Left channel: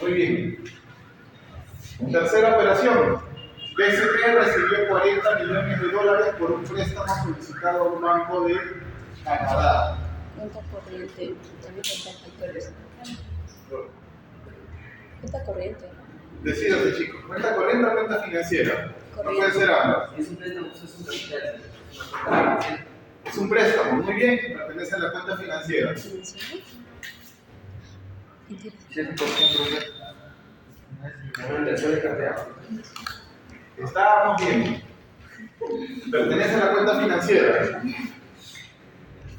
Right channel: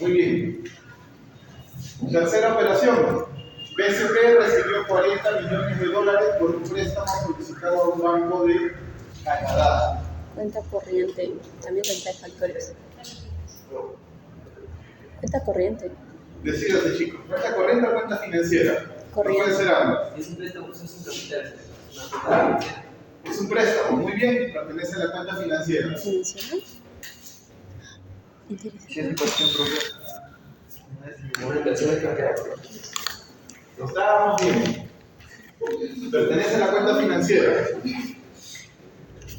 Muy bien. Tercera operación. BCP recibió 40 millones de dólares por un préstamo solicitado a un banco de Canadá. Cuenta corriente, también cuenta de factores. Cuenta corriente. Decídase, chicos. ¿Cuenta corriente o cuenta financiera? Corriente. No puede ser ambas. Si es un préstamo, pues es un capital. Es una cuenta financiera. Es un préstamo, muy bien, pertenece a la cuenta financiera. ¿Financiero? Interesante. Si es mi cuestión, profe. Una inversión de cartera. Estábamos bien. Pertenece a la cuenta financiera.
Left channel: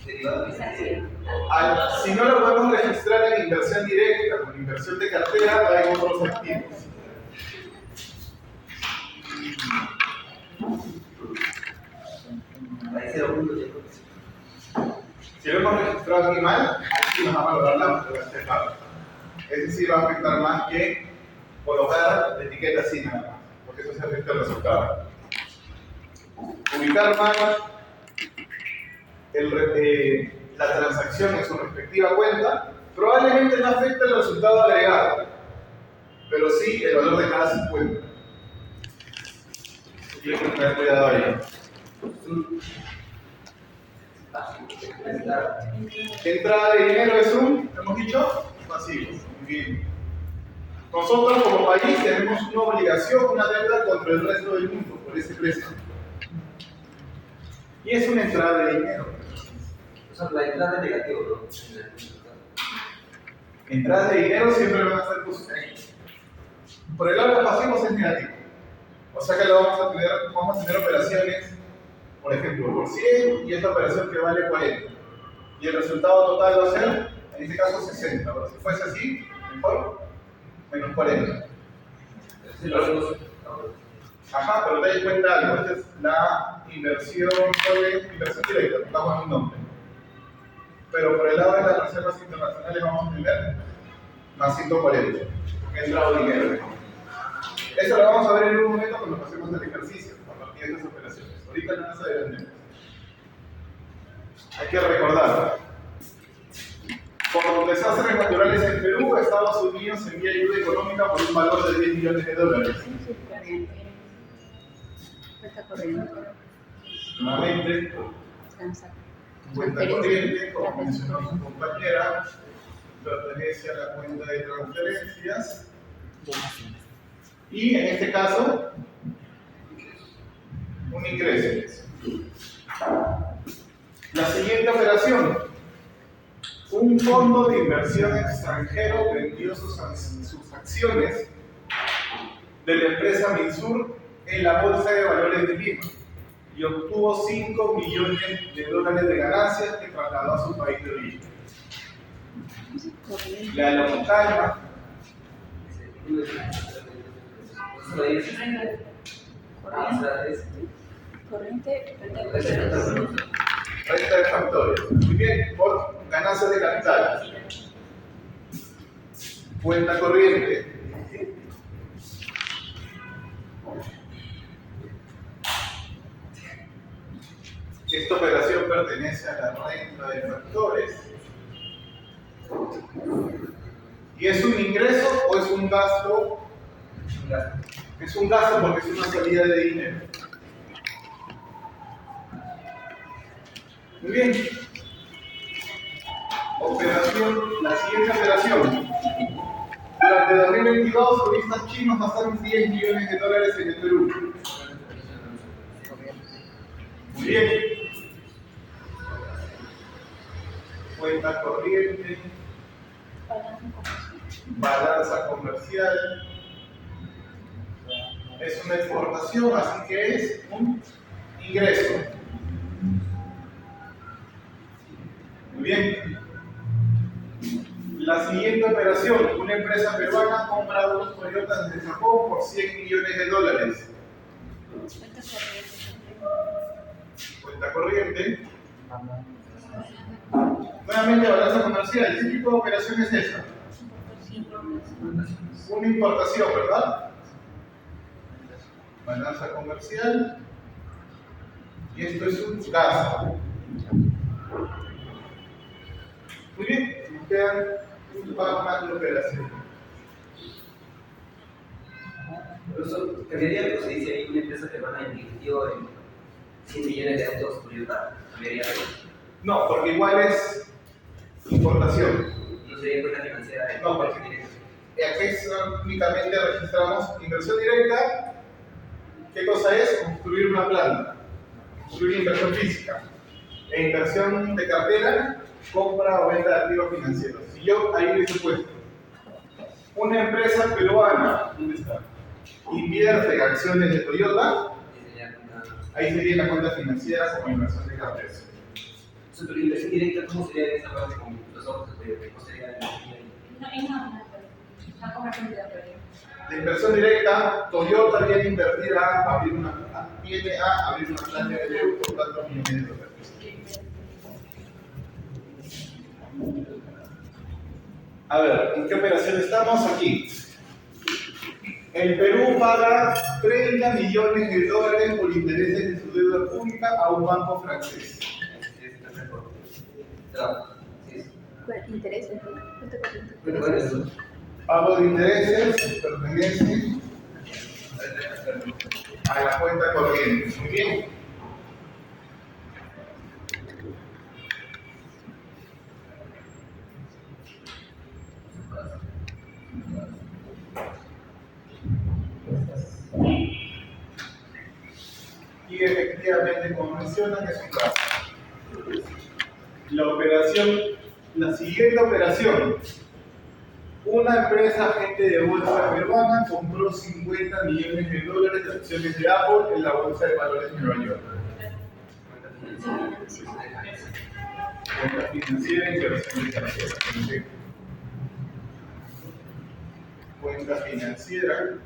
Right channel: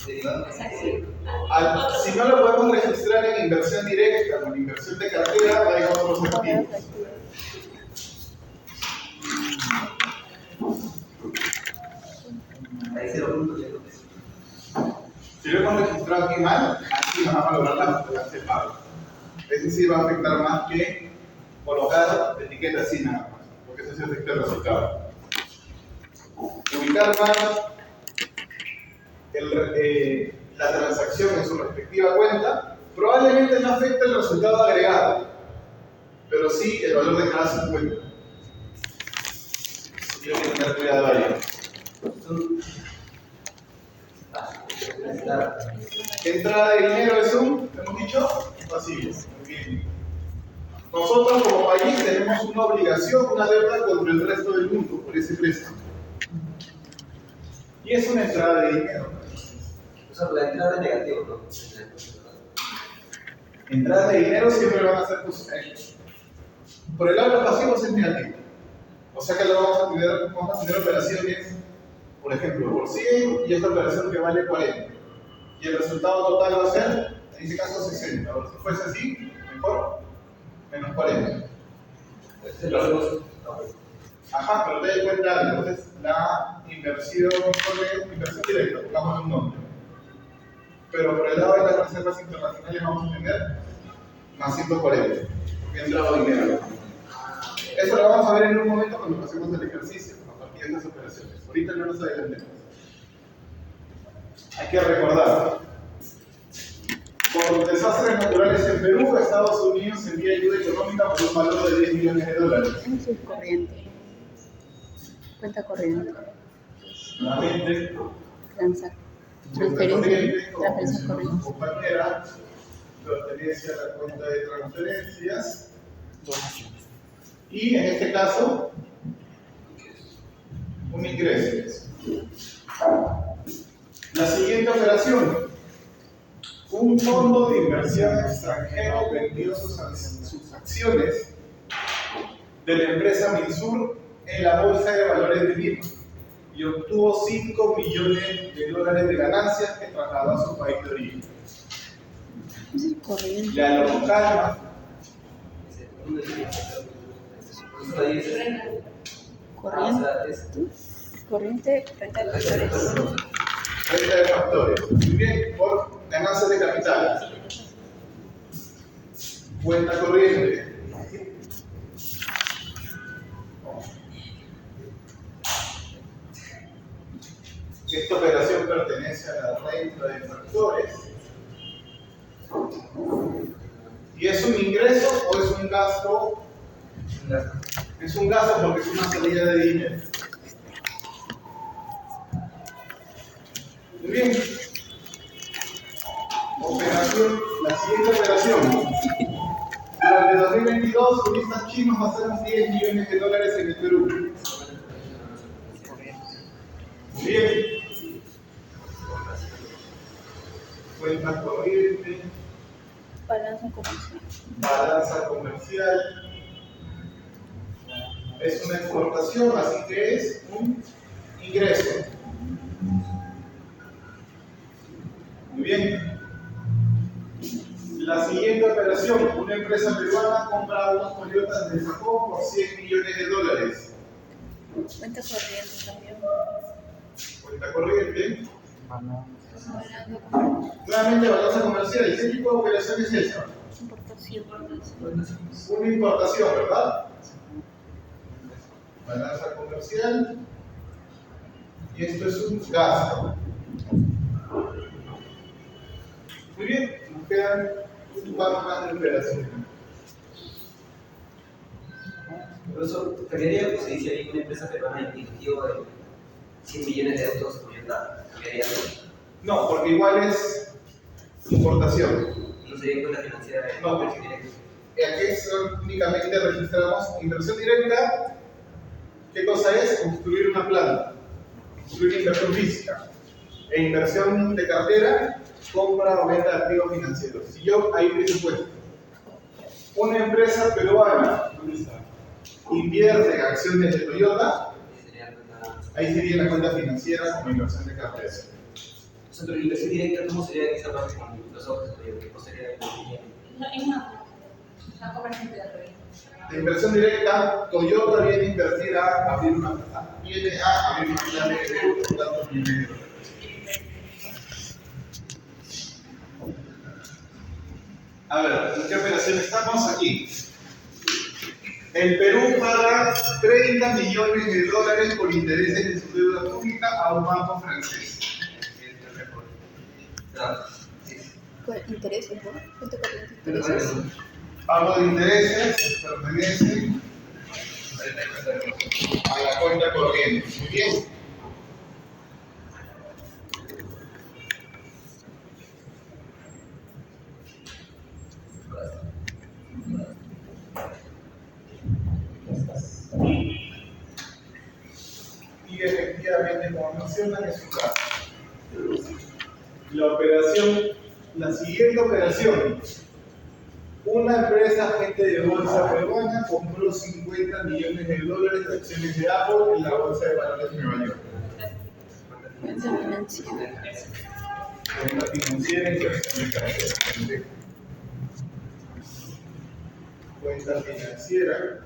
Derivado. Si no lo podemos registrar en inversión directa o en inversión de cartera, hay otros activos. Ahí 0.100. Si lo hemos registrado aquí mal, aquí nos va a valorar la pago. Ese sí va a afectar más que colocar etiqueta así nada más, porque eso sí afecta el resultado. Ubicar mal la transacción en su respectiva cuenta probablemente no afecte el resultado agregado, pero sí el valor de cada subcuenta. Tiene que tener cuidado ahí. Entrada de dinero es hemos dicho, pasivo. Muy bien. Nosotros como país tenemos una obligación, una deuda contra el resto del mundo por ese préstamo. Y es una entrada de dinero. O sea, la entrada es negativa, ¿no? Entradas de dinero siempre van a ser positivas. Por el lado de los pasivos es negativo. O sea que vamos a tener operaciones, por ejemplo, por 100 y esta operación que vale 40. Y el resultado total va a ser, en este caso, 60. Ahora, si fuese así, mejor, menos 40. Es el valor. Ajá, pero te das cuenta algo. Esta es la inversión directa, pongamos un nombre. Pero por el lado de las reservas internacionales vamos a tener más 140, porque ha entrado dinero. Eso lo vamos a ver en un momento cuando pasemos el ejercicio, a partir de estas operaciones. Ahorita no nos adelantemos. Hay que recordar, por desastres naturales en Perú, Estados Unidos envía ayuda económica por un valor de 10 millones de dólares. Es corriente. Cuenta corriente. Nuevamente, cuenta corriente, como mencionó su compañera, pertenece a la cuenta de transferencias. Y en este caso, un ingreso. La siguiente operación. Un fondo de inversión extranjero vendió sus acciones de la empresa Minsur en la Bolsa de Valores de Lima y obtuvo 5 millones de dólares de ganancias que trasladó a su país de origen. Es corriente. La local Corriente, cuenta de factores. renta de factores. Muy bien, por ganancias de capital. Cuenta corriente. Esta operación pertenece a la renta de factores. ¿Y es un ingreso o es un gasto? Es un gasto porque es una salida de dinero. Muy bien. La siguiente operación. Durante 2022, turistas chinos gastaron 10 millones de dólares en el Perú. Muy bien. Cuenta corriente. Balanza comercial. Balanza comercial. Es una exportación, así que es un ingreso. Muy bien. La siguiente operación, una empresa peruana ha comprado unos Toyotas de Japón por 100 millones de dólares. Cuenta corriente también. Cuenta corriente. Nuevamente balanza comercial. ¿Qué tipo de operación es esa? Una importación, ¿verdad? Balanza comercial. Y esto es un gasto. Muy bien, nos quedan un par más de operaciones. Incluso cambiaría algo si dice ahí una empresa peruana invirtió en 100 millones de autos Toyota. ¿Cambiaría algo? No, porque igual es importación. No sería cuenta financiera de No, porque aquí únicamente registramos inversión directa. ¿Qué cosa es? Construir una planta, construir inversión física. E inversión de cartera, compra o venta de activos financieros. Si yo ahí hubiese puesto una empresa peruana, ¿dónde está? Invierte en acciones de Toyota, ahí sería la cuenta financiera como inversión de cartera. Pero la inversión directa, ¿cómo sería en esa parte con los autos? ¿Cómo sería No, es una compra de La inversión directa, Toyota viene a invertir a abrir una planta en Perú por tantos millones de dólares. A ver, ¿en qué operación estamos aquí? El Perú paga 30 millones de dólares por intereses de su deuda pública a un banco francés. Intereses, ¿no? Cuenta corriente. Pero bueno, Pago de intereses pertenece a la cuenta corriente. Muy bien. Y efectivamente, como mencionan, es un caso. La siguiente operación. Una empresa agente de bolsa peruana compró 50 millones de dólares de acciones de Apple en la bolsa de valores de Nueva York. Cuenta financiera, inversión de cartera. Perfecto. Cuenta financiera,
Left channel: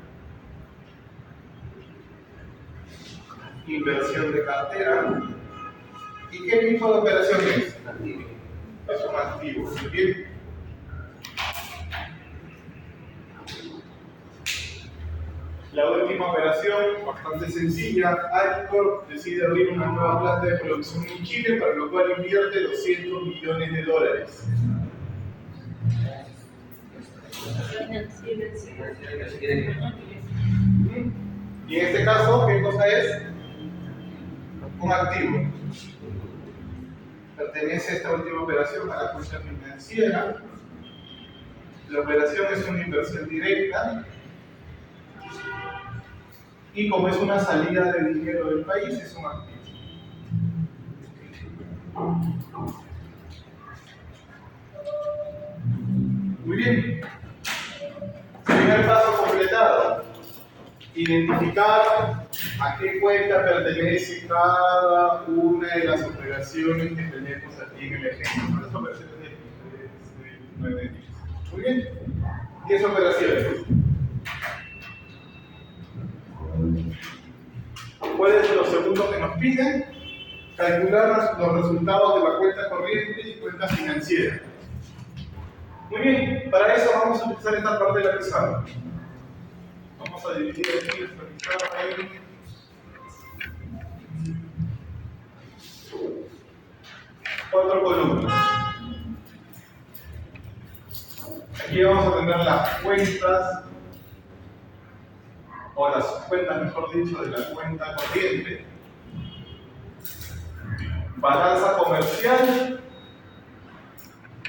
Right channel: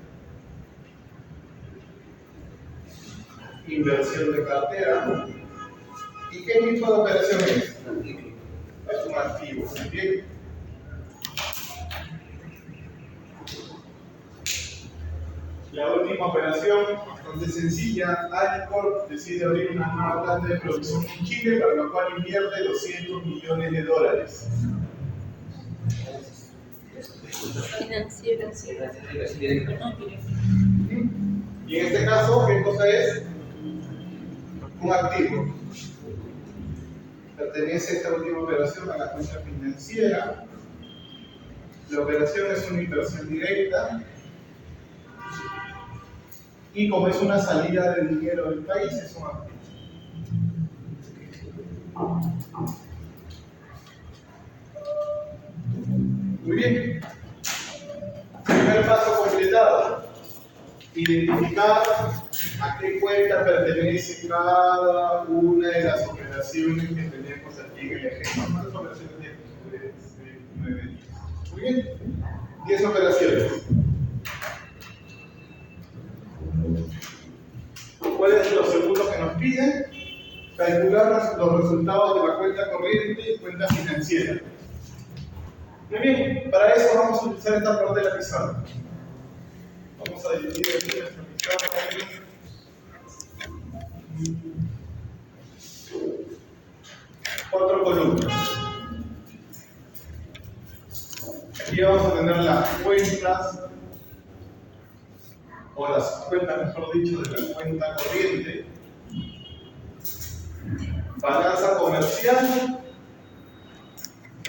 inversión de cartera. ¿Y qué tipo de operación es? Es un activo. Muy bien. La última operación, bastante sencilla, Alcorp decide abrir una nueva planta de producción en Chile, para lo cual invierte 200 millones de dólares. Financieras. Y en este caso, ¿qué cosa es? Un activo. Pertenece esta última operación a la cuenta financiera. La operación es una inversión directa. Y como es una salida de dinero del país, es un activo. Muy bien. Primer paso completado. Identificar a qué cuenta pertenece cada una de las operaciones que tenemos aquí en el ejemplo. Las operaciones de 9 días. Muy bien. 10 operaciones. ¿Cuál es lo segundo que nos piden? Calcular los resultados de la cuenta corriente y cuenta financiera. Muy bien, para eso vamos a utilizar esta parte de la pizarra. Vamos a dividir aquí nuestra pizarra en 4 columnas. Aquí vamos a tener las cuentas, o las cuentas, mejor dicho, de la cuenta corriente, balanza comercial,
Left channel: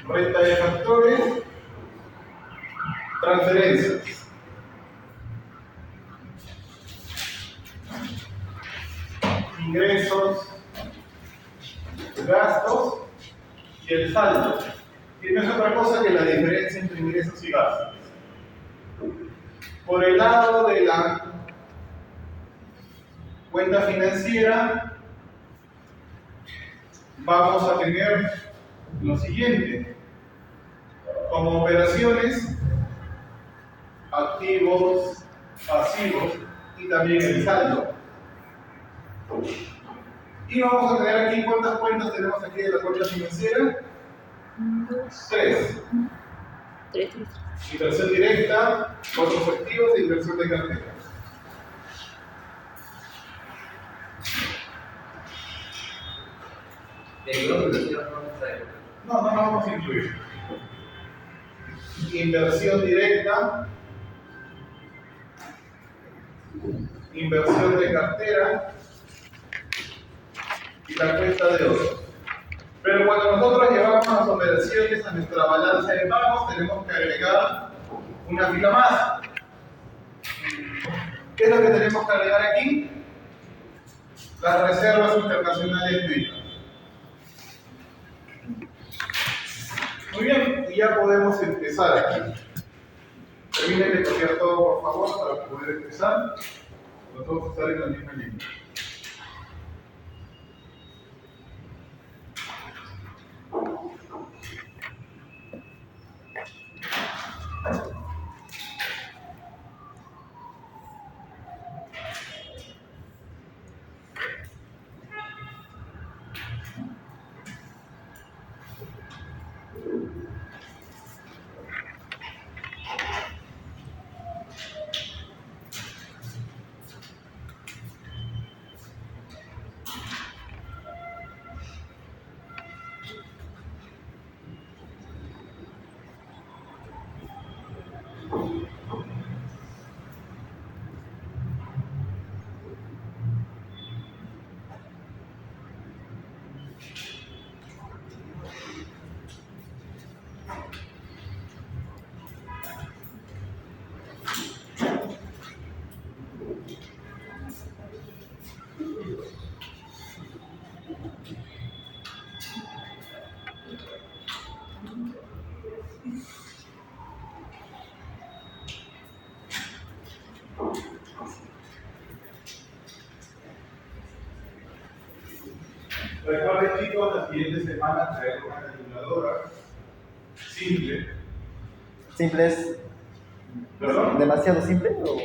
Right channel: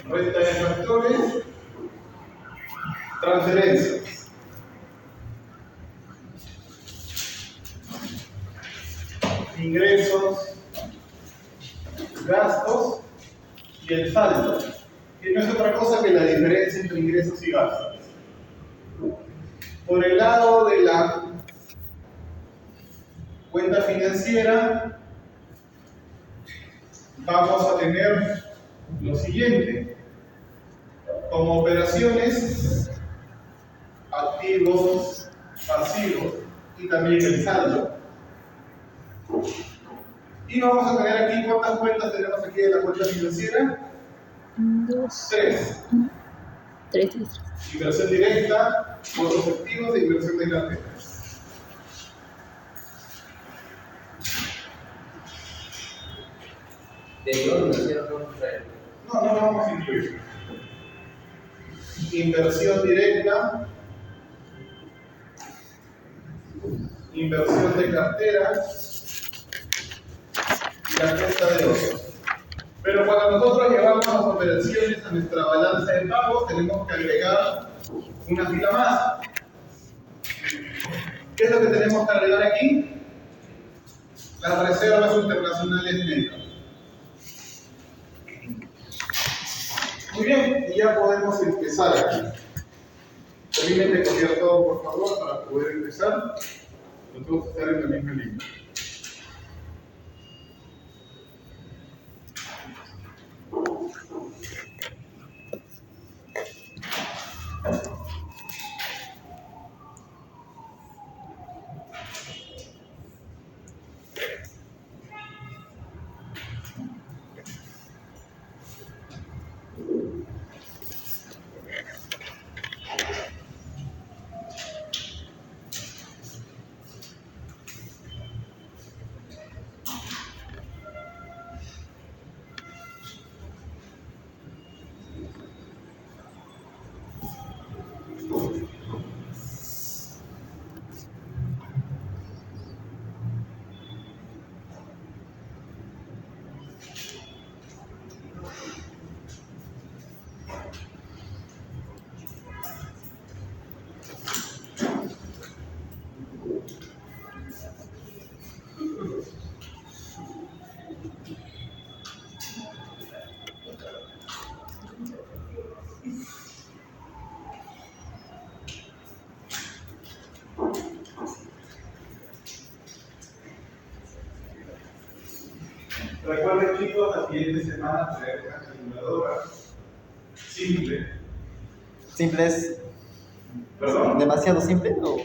renta de factores, transferencias. Ingresos, gastos y el saldo, que no es otra cosa que la diferencia entre ingresos y gastos. Por el lado de la cuenta financiera, vamos a tener lo siguiente. Como operaciones, activos, pasivos y también el saldo. Y vamos a tener aquí, ¿cuántas cuentas tenemos aquí de la cuenta financiera? 2, 3. 3. Inversión directa, otros activos e inversión de cartera. No la vamos a incluir. Inversión directa, inversión de cartera y la cuenta de otros. Pero cuando nosotros llevamos las operaciones a nuestra balanza de pagos, tenemos que agregar una fila más. ¿Qué es lo que tenemos que agregar aquí? Las reservas internacionales netas. Muy bien, y ya podemos empezar aquí. Terminen de copiar todo, por favor, para poder empezar. Los dos están en la misma línea. Recuerden, chicos, la siguiente semana traer una calculadora simple. ¿Simple es ¿Perdón? demasiado simple o...? O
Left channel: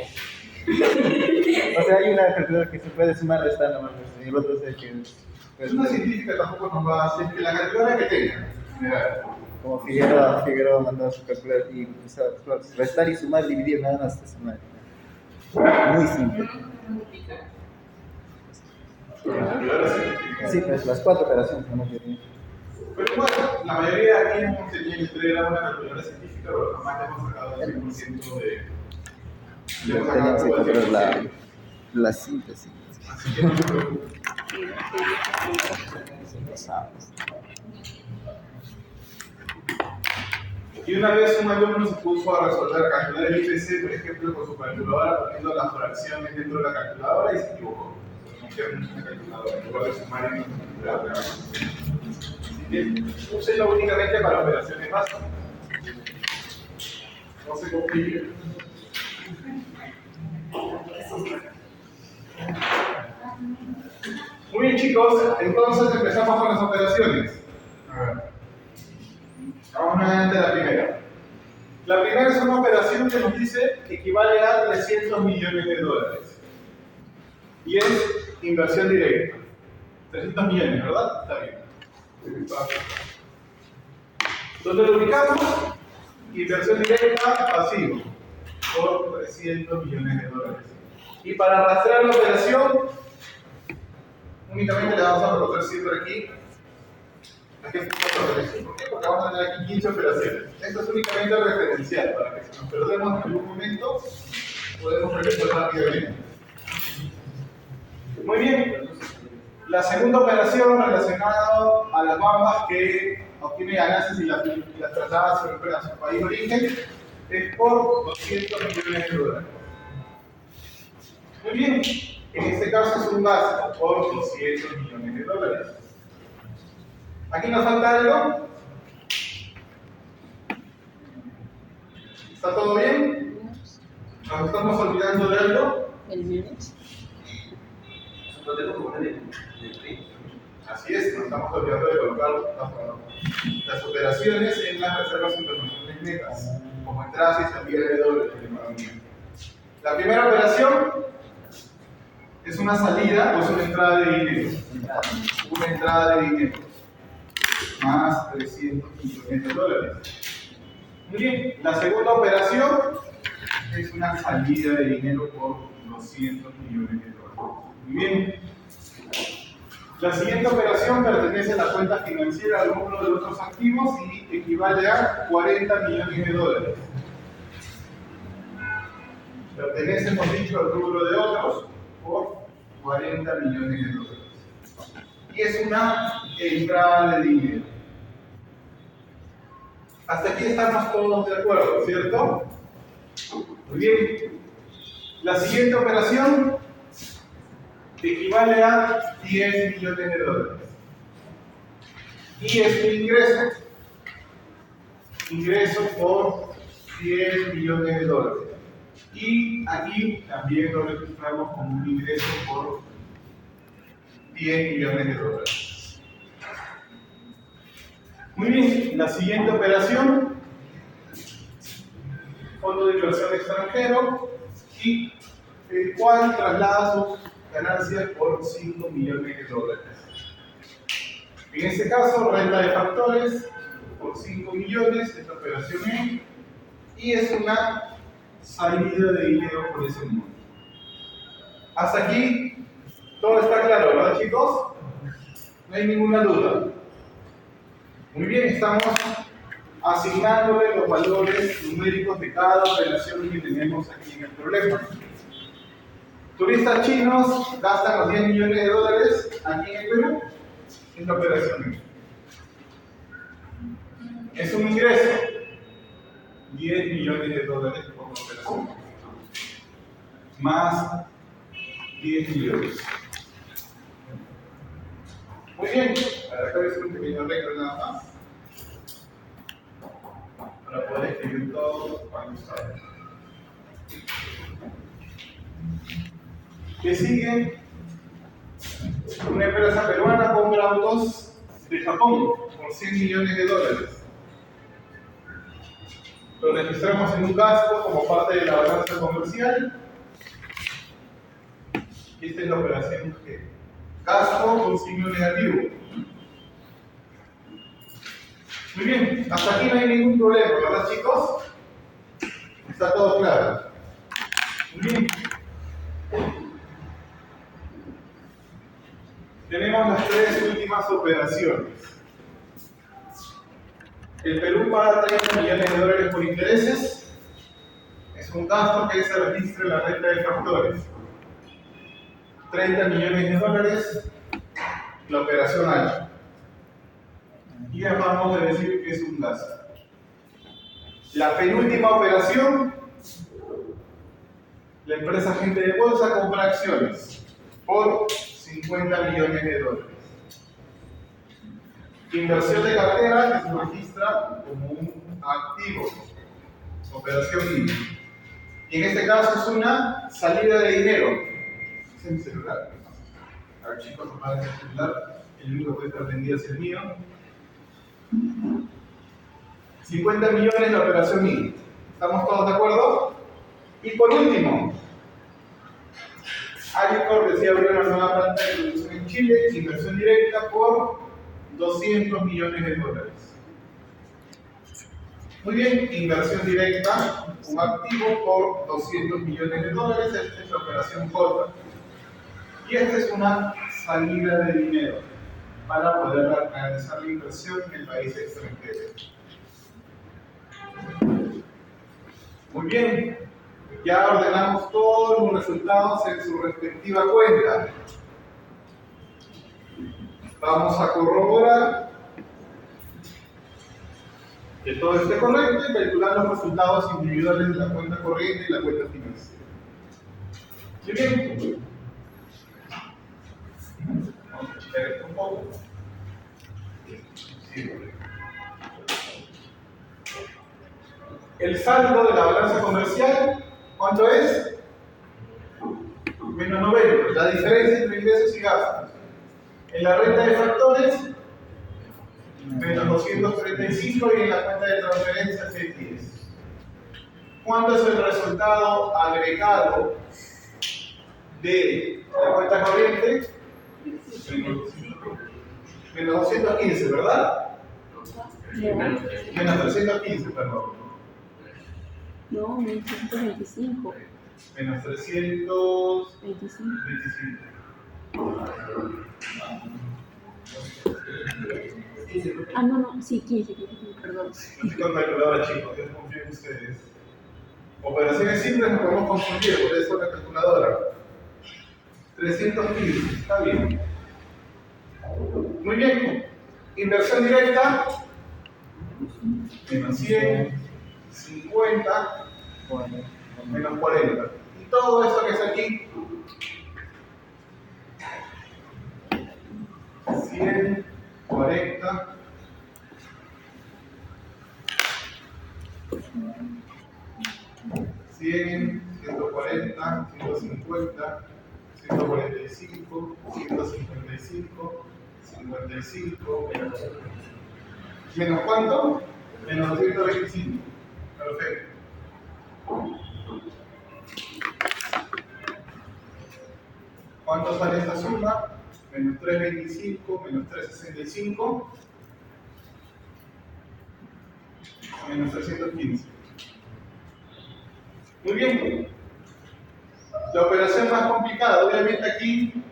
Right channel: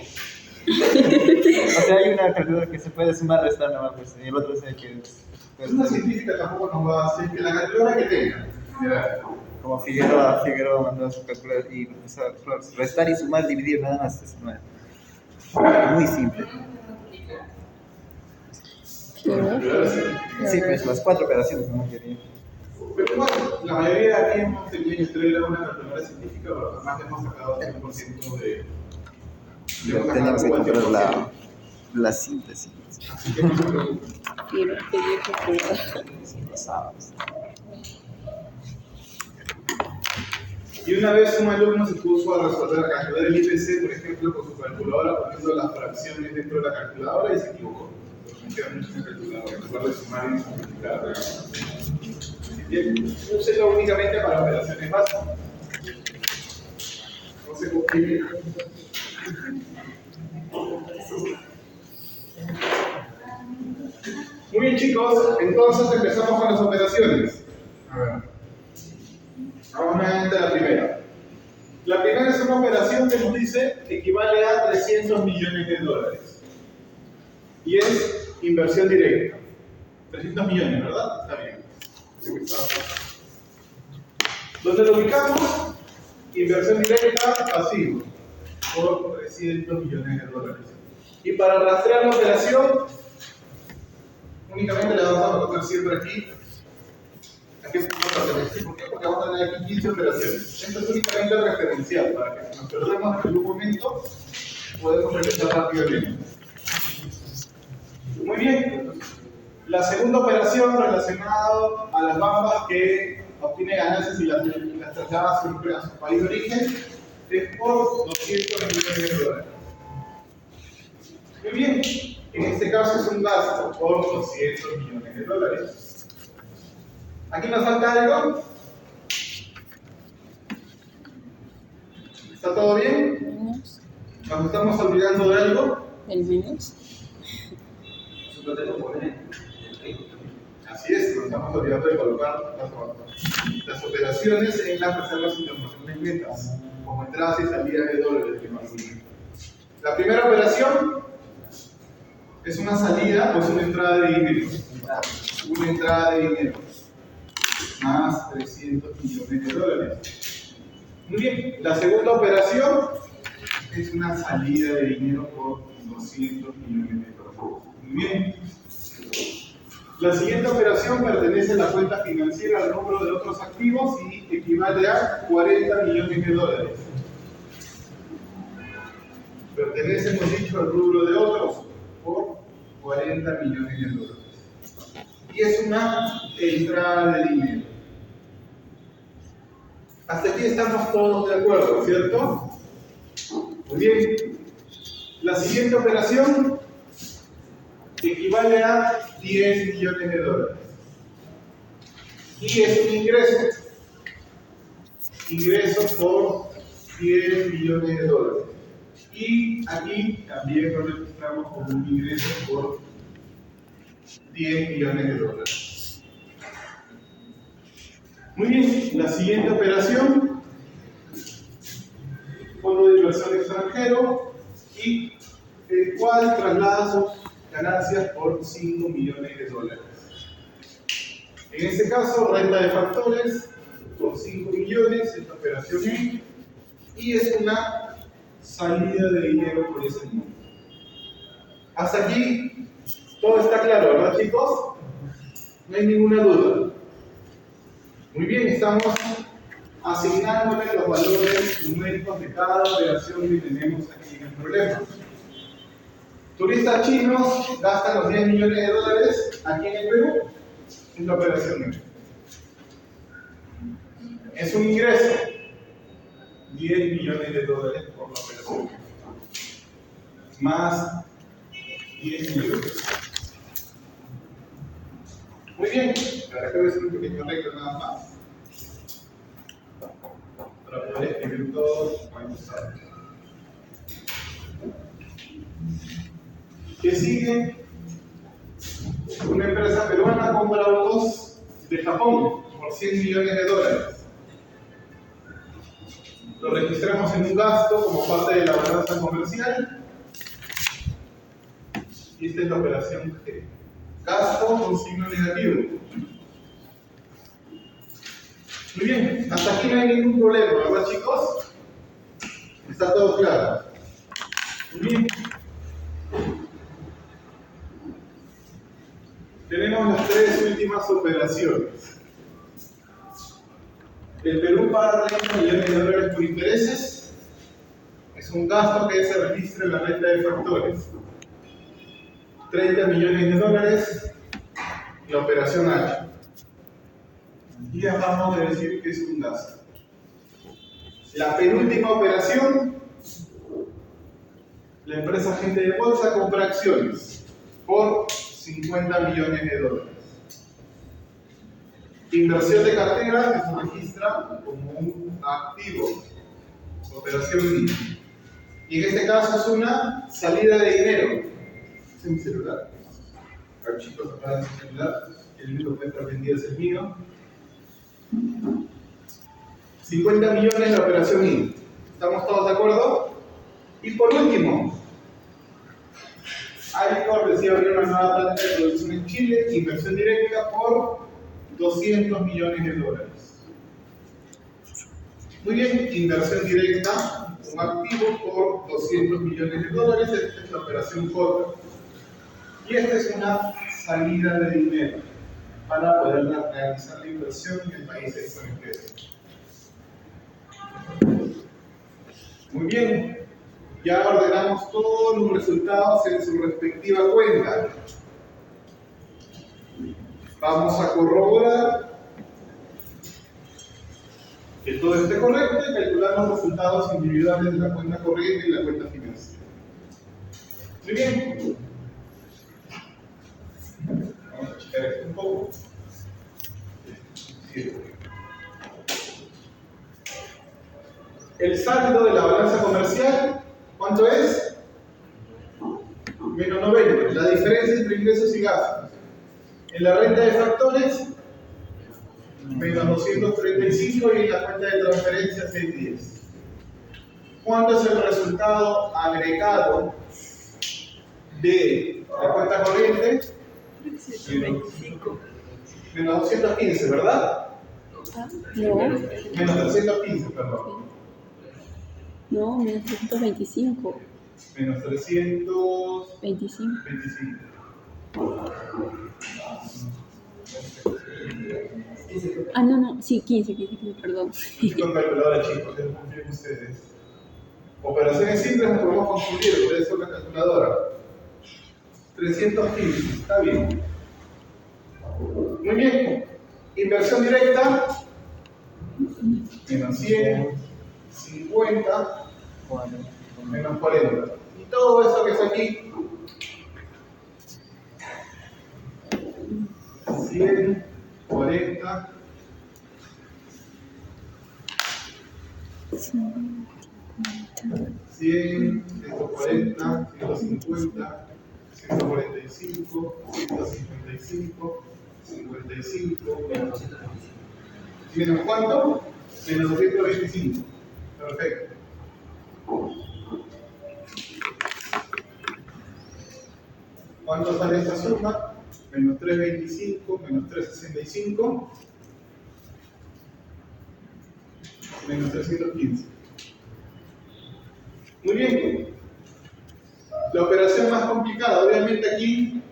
sea, hay una calculadora que se puede sumar, restar nomás, pues, y el otro es el que... Es una científica, tampoco nos va a hacer que la calculadora que tenga. Mira, Como Figueroa mandó su calculadora y restar y sumar, dividir, nada más, es muy simple. la calculadora científica. Sí, pues las 4 operaciones nomás quería. Pero bueno, la mayoría de aquí hemos tenido que entregar una calculadora científica, pero jamás le hemos sacado el 100% de... Teníamos que comprar la síntesis. Así que no se preocupen. Son los sábados. Y una vez un alumno se puso a resolver, a calcular el IPC, por ejemplo, con su calculadora, poniendo las fracciones dentro de la calculadora y se equivocó. No queda mucho en la calculadora, en lugar de sumar y multiplicar. Así que úselo únicamente para operaciones básicas. No se complique. Muy bien, chicos, entonces empezamos con las operaciones. A ver. Vamos nuevamente a la primera. La primera es una operación que nos dice que equivale a 300 millones de dólares. Y es inversión directa. 300 millones, ¿verdad? Está bien. ¿Dónde lo ubicamos? Inversión directa pasivo. Por 300 millones de dólares. Y para arrastrar la operación, únicamente le vamos a colocar siempre aquí. Aquí es ¿por qué? Porque vamos a tener aquí 15 operaciones. Esto es únicamente referencial, para que si nos perdemos en algún momento, podemos regresar rápidamente. Muy bien. La segunda operación relacionada a las bambas que obtiene ganancias y las traslada siempre a su país de origen es por 200 millones de dólares. Muy bien. En este caso es un gasto por 200 millones de dólares. ¿Aquí nos falta algo? ¿Está todo bien? ¿Nos estamos olvidando de algo? El menos. Lo tengo que poner en el primo. Así es, nos estamos olvidando de colocar las operaciones en las reservas internacionales netas, como entradas y salidas de dólares. La primera operación es una salida o es una entrada de dinero. Una entrada de dinero. Más 300 millones de dólares. Muy bien. La segunda operación es una salida de dinero por 200 millones de dólares. Muy bien. La siguiente operación pertenece a la cuenta financiera al rubro de otros activos y equivale a 40 millones de dólares. Pertenece, hemos dicho, al rubro de otros. por 40 millones de dólares. Y es una entrada de dinero. Hasta aquí estamos todos de acuerdo, ¿cierto? Muy bien. La siguiente operación equivale a 10 millones de dólares. Y es un ingreso. Ingreso por 10 millones de dólares. Y aquí también lo registramos como un ingreso por 10 millones de dólares. Muy bien, la siguiente operación, fondo de inversión extranjero, y el cual traslada sus ganancias por 5 millones de dólares. En este caso, renta de factores por 5 millones, esta operación E, y es una salida de dinero por ese monto. Hasta aquí todo está claro, ¿verdad, chicos? No hay ninguna duda. Muy bien, estamos asignándole los valores numéricos de cada operación que tenemos aquí en el problema. Turistas chinos gastan los 10 millones de dólares aquí en el Perú en la operación E. Es un ingreso, 10 millones de dólares por la operación, más 10 millones. Muy bien, ahora acabo de hacer un pequeño arreglo nada más, para poder escribir todo cuando salga. ¿Qué sigue? Una empresa peruana compra autos de Japón por 100 millones de dólares. Lo registramos en un gasto como parte de la balanza comercial. Y esta es la operación G. Gasto con signo negativo. Muy bien, hasta aquí no hay ningún problema, ¿verdad, chicos? Está todo claro. Muy bien. Tenemos las tres últimas operaciones. El Perú paga 30 millones de dólares por intereses. Es un gasto que se registra en la renta de factores. 30 millones de dólares, la operación H. Y acabamos de decir que es un gasto. La penúltima operación, la empresa agente de bolsa compra acciones por 50 millones de dólares. Inversión de cartera que se registra como un activo, operación I. Y en este caso es una salida de dinero. Ese es mi celular. A ver, chicos, apaguen el celular. El único que puede estar vendido es el mío. 50 millones la operación I. ¿Estamos todos de acuerdo? Y por último, Alicor decía abrir una nueva planta de producción en Chile, inversión directa por 200 millones de dólares. Muy bien, inversión directa, un activo por 200 millones de dólares. Esta es la operación J. Y esta es una salida de dinero para poder realizar la inversión en el país extranjero. Muy bien, ya ordenamos todos los resultados en su respectiva cuenta. Vamos a corroborar que todo esté correcto y calcular los resultados individuales de la cuenta corriente y la cuenta financiera. Muy bien. Vamos a achicar esto un poco. Sí. El saldo de la balanza comercial, ¿cuánto es? Menos 90, la diferencia entre ingresos y gastos. En la renta de factores, menos 235, y en la cuenta de transferencias, 610. ¿Cuánto es el resultado agregado de la cuenta corriente? Menos 215, ¿verdad? No, Menos 315, perdón. no, 1325. Menos 325. 25. Ah, no, sí, 15, perdón. Estoy con calculadora, chicos, yo confío en ustedes. Operaciones simples nos podemos confundir, por eso la calculadora. 315, está bien. Muy bien. Inversión directa, menos 100, 50, menos 40. Y todo eso que está aquí, 100, 40, 100, 140, 150, 145, 155, 55, Menos 225. ¿menos cuánto? Menos 225. Perfecto. ¿Cuánto sale esta suma? Menos 325, menos 365, menos 315. Muy bien. La operación más complicada, obviamente aquí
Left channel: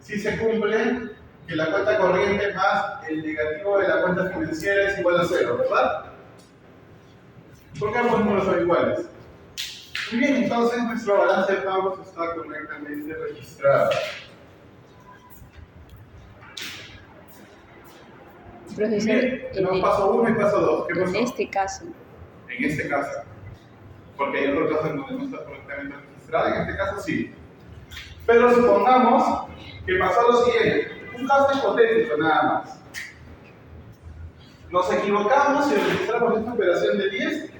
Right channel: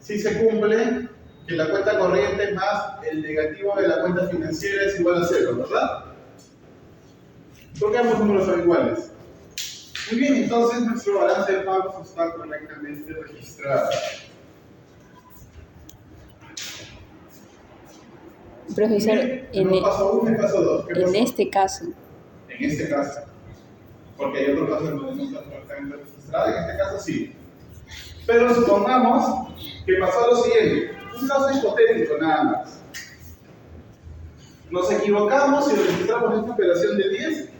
sí se cumple que la cuenta corriente más el negativo de la cuenta financiera es igual a 0, ¿verdad? Porque ambos números son iguales. Muy bien, entonces nuestro balance de pagos está correctamente registrado. Profesor, Bien, tenemos paso 1 y paso 2. ¿Qué pasó? en este caso, En este caso. Porque hay otro caso en donde no está correctamente registrado, en este caso sí. Pero supongamos que pasó lo siguiente, un caso hipotético nada más. Nos equivocamos y registramos esta operación de 10,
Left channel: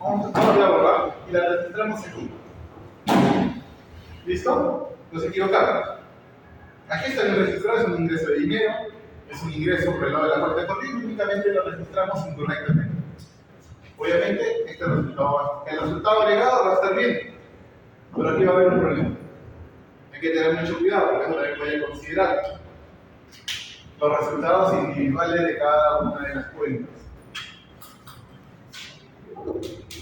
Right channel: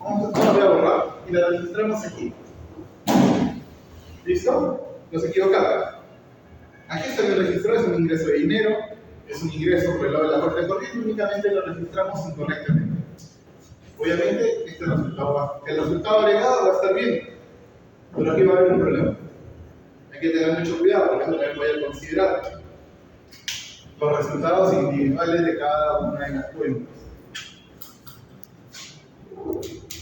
ahora voy a borrar y la registramos aquí. ¿Listo? Nos equivocamos. Aquí está bien registrado, es un ingreso de dinero, es un ingreso por el lado de la cuenta corriente, únicamente lo registramos incorrectamente. Obviamente, el resultado agregado va a estar bien, pero aquí va a haber un problema. Hay que tener mucho cuidado, porque eso también voy a considerar los resultados individuales de cada una de las cuentas.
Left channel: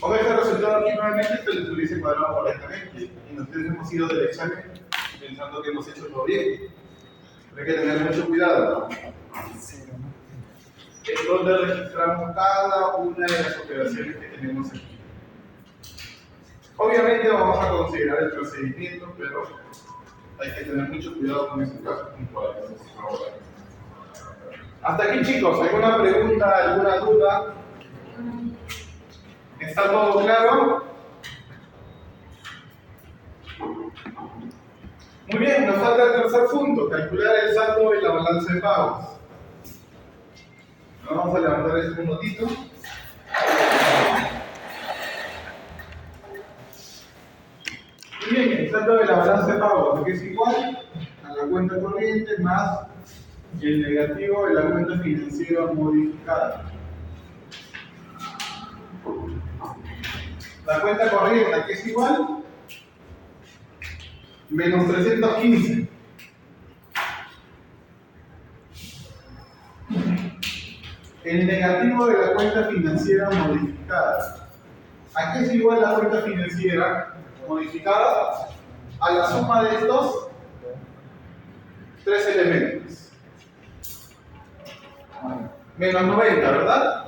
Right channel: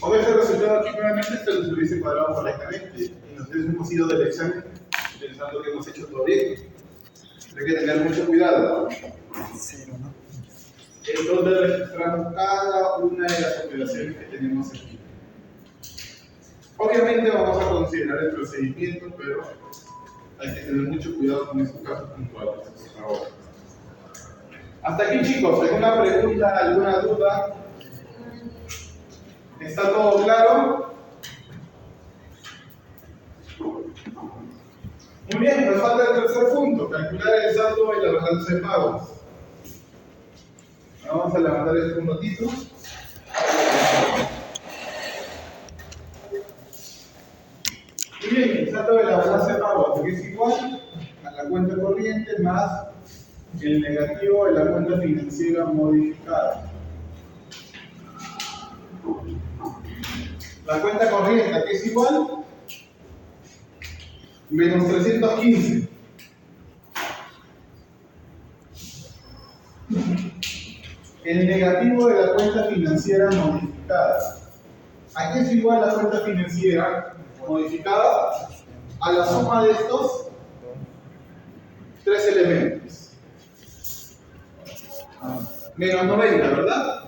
Con este resultado aquí nuevamente se les hubiese cuadrado correctamente y nosotros hemos ido del examen pensando que hemos hecho todo bien. Pero hay que tener mucho cuidado. Cero, ¿no? En donde registramos cada una de las operaciones que tenemos aquí. Obviamente vamos a considerar el procedimiento, pero hay que tener mucho cuidado con esos casos puntuales, por favor. Hasta aquí, chicos, ¿alguna pregunta, alguna duda? ¿Está todo claro? Muy bien, nos falta el tercer punto, calcular el saldo de la balanza de pagos. Vamos a levantar este minutito. Muy bien, el saldo de la balanza de pagos, que es igual a la cuenta corriente más el negativo de la cuenta financiera modificada. La cuenta corriente, que es igual menos 315. El negativo de la cuenta financiera modificada. ¿A qué es igual la cuenta financiera modificada? A la suma de estos tres elementos. Menos 90, ¿verdad?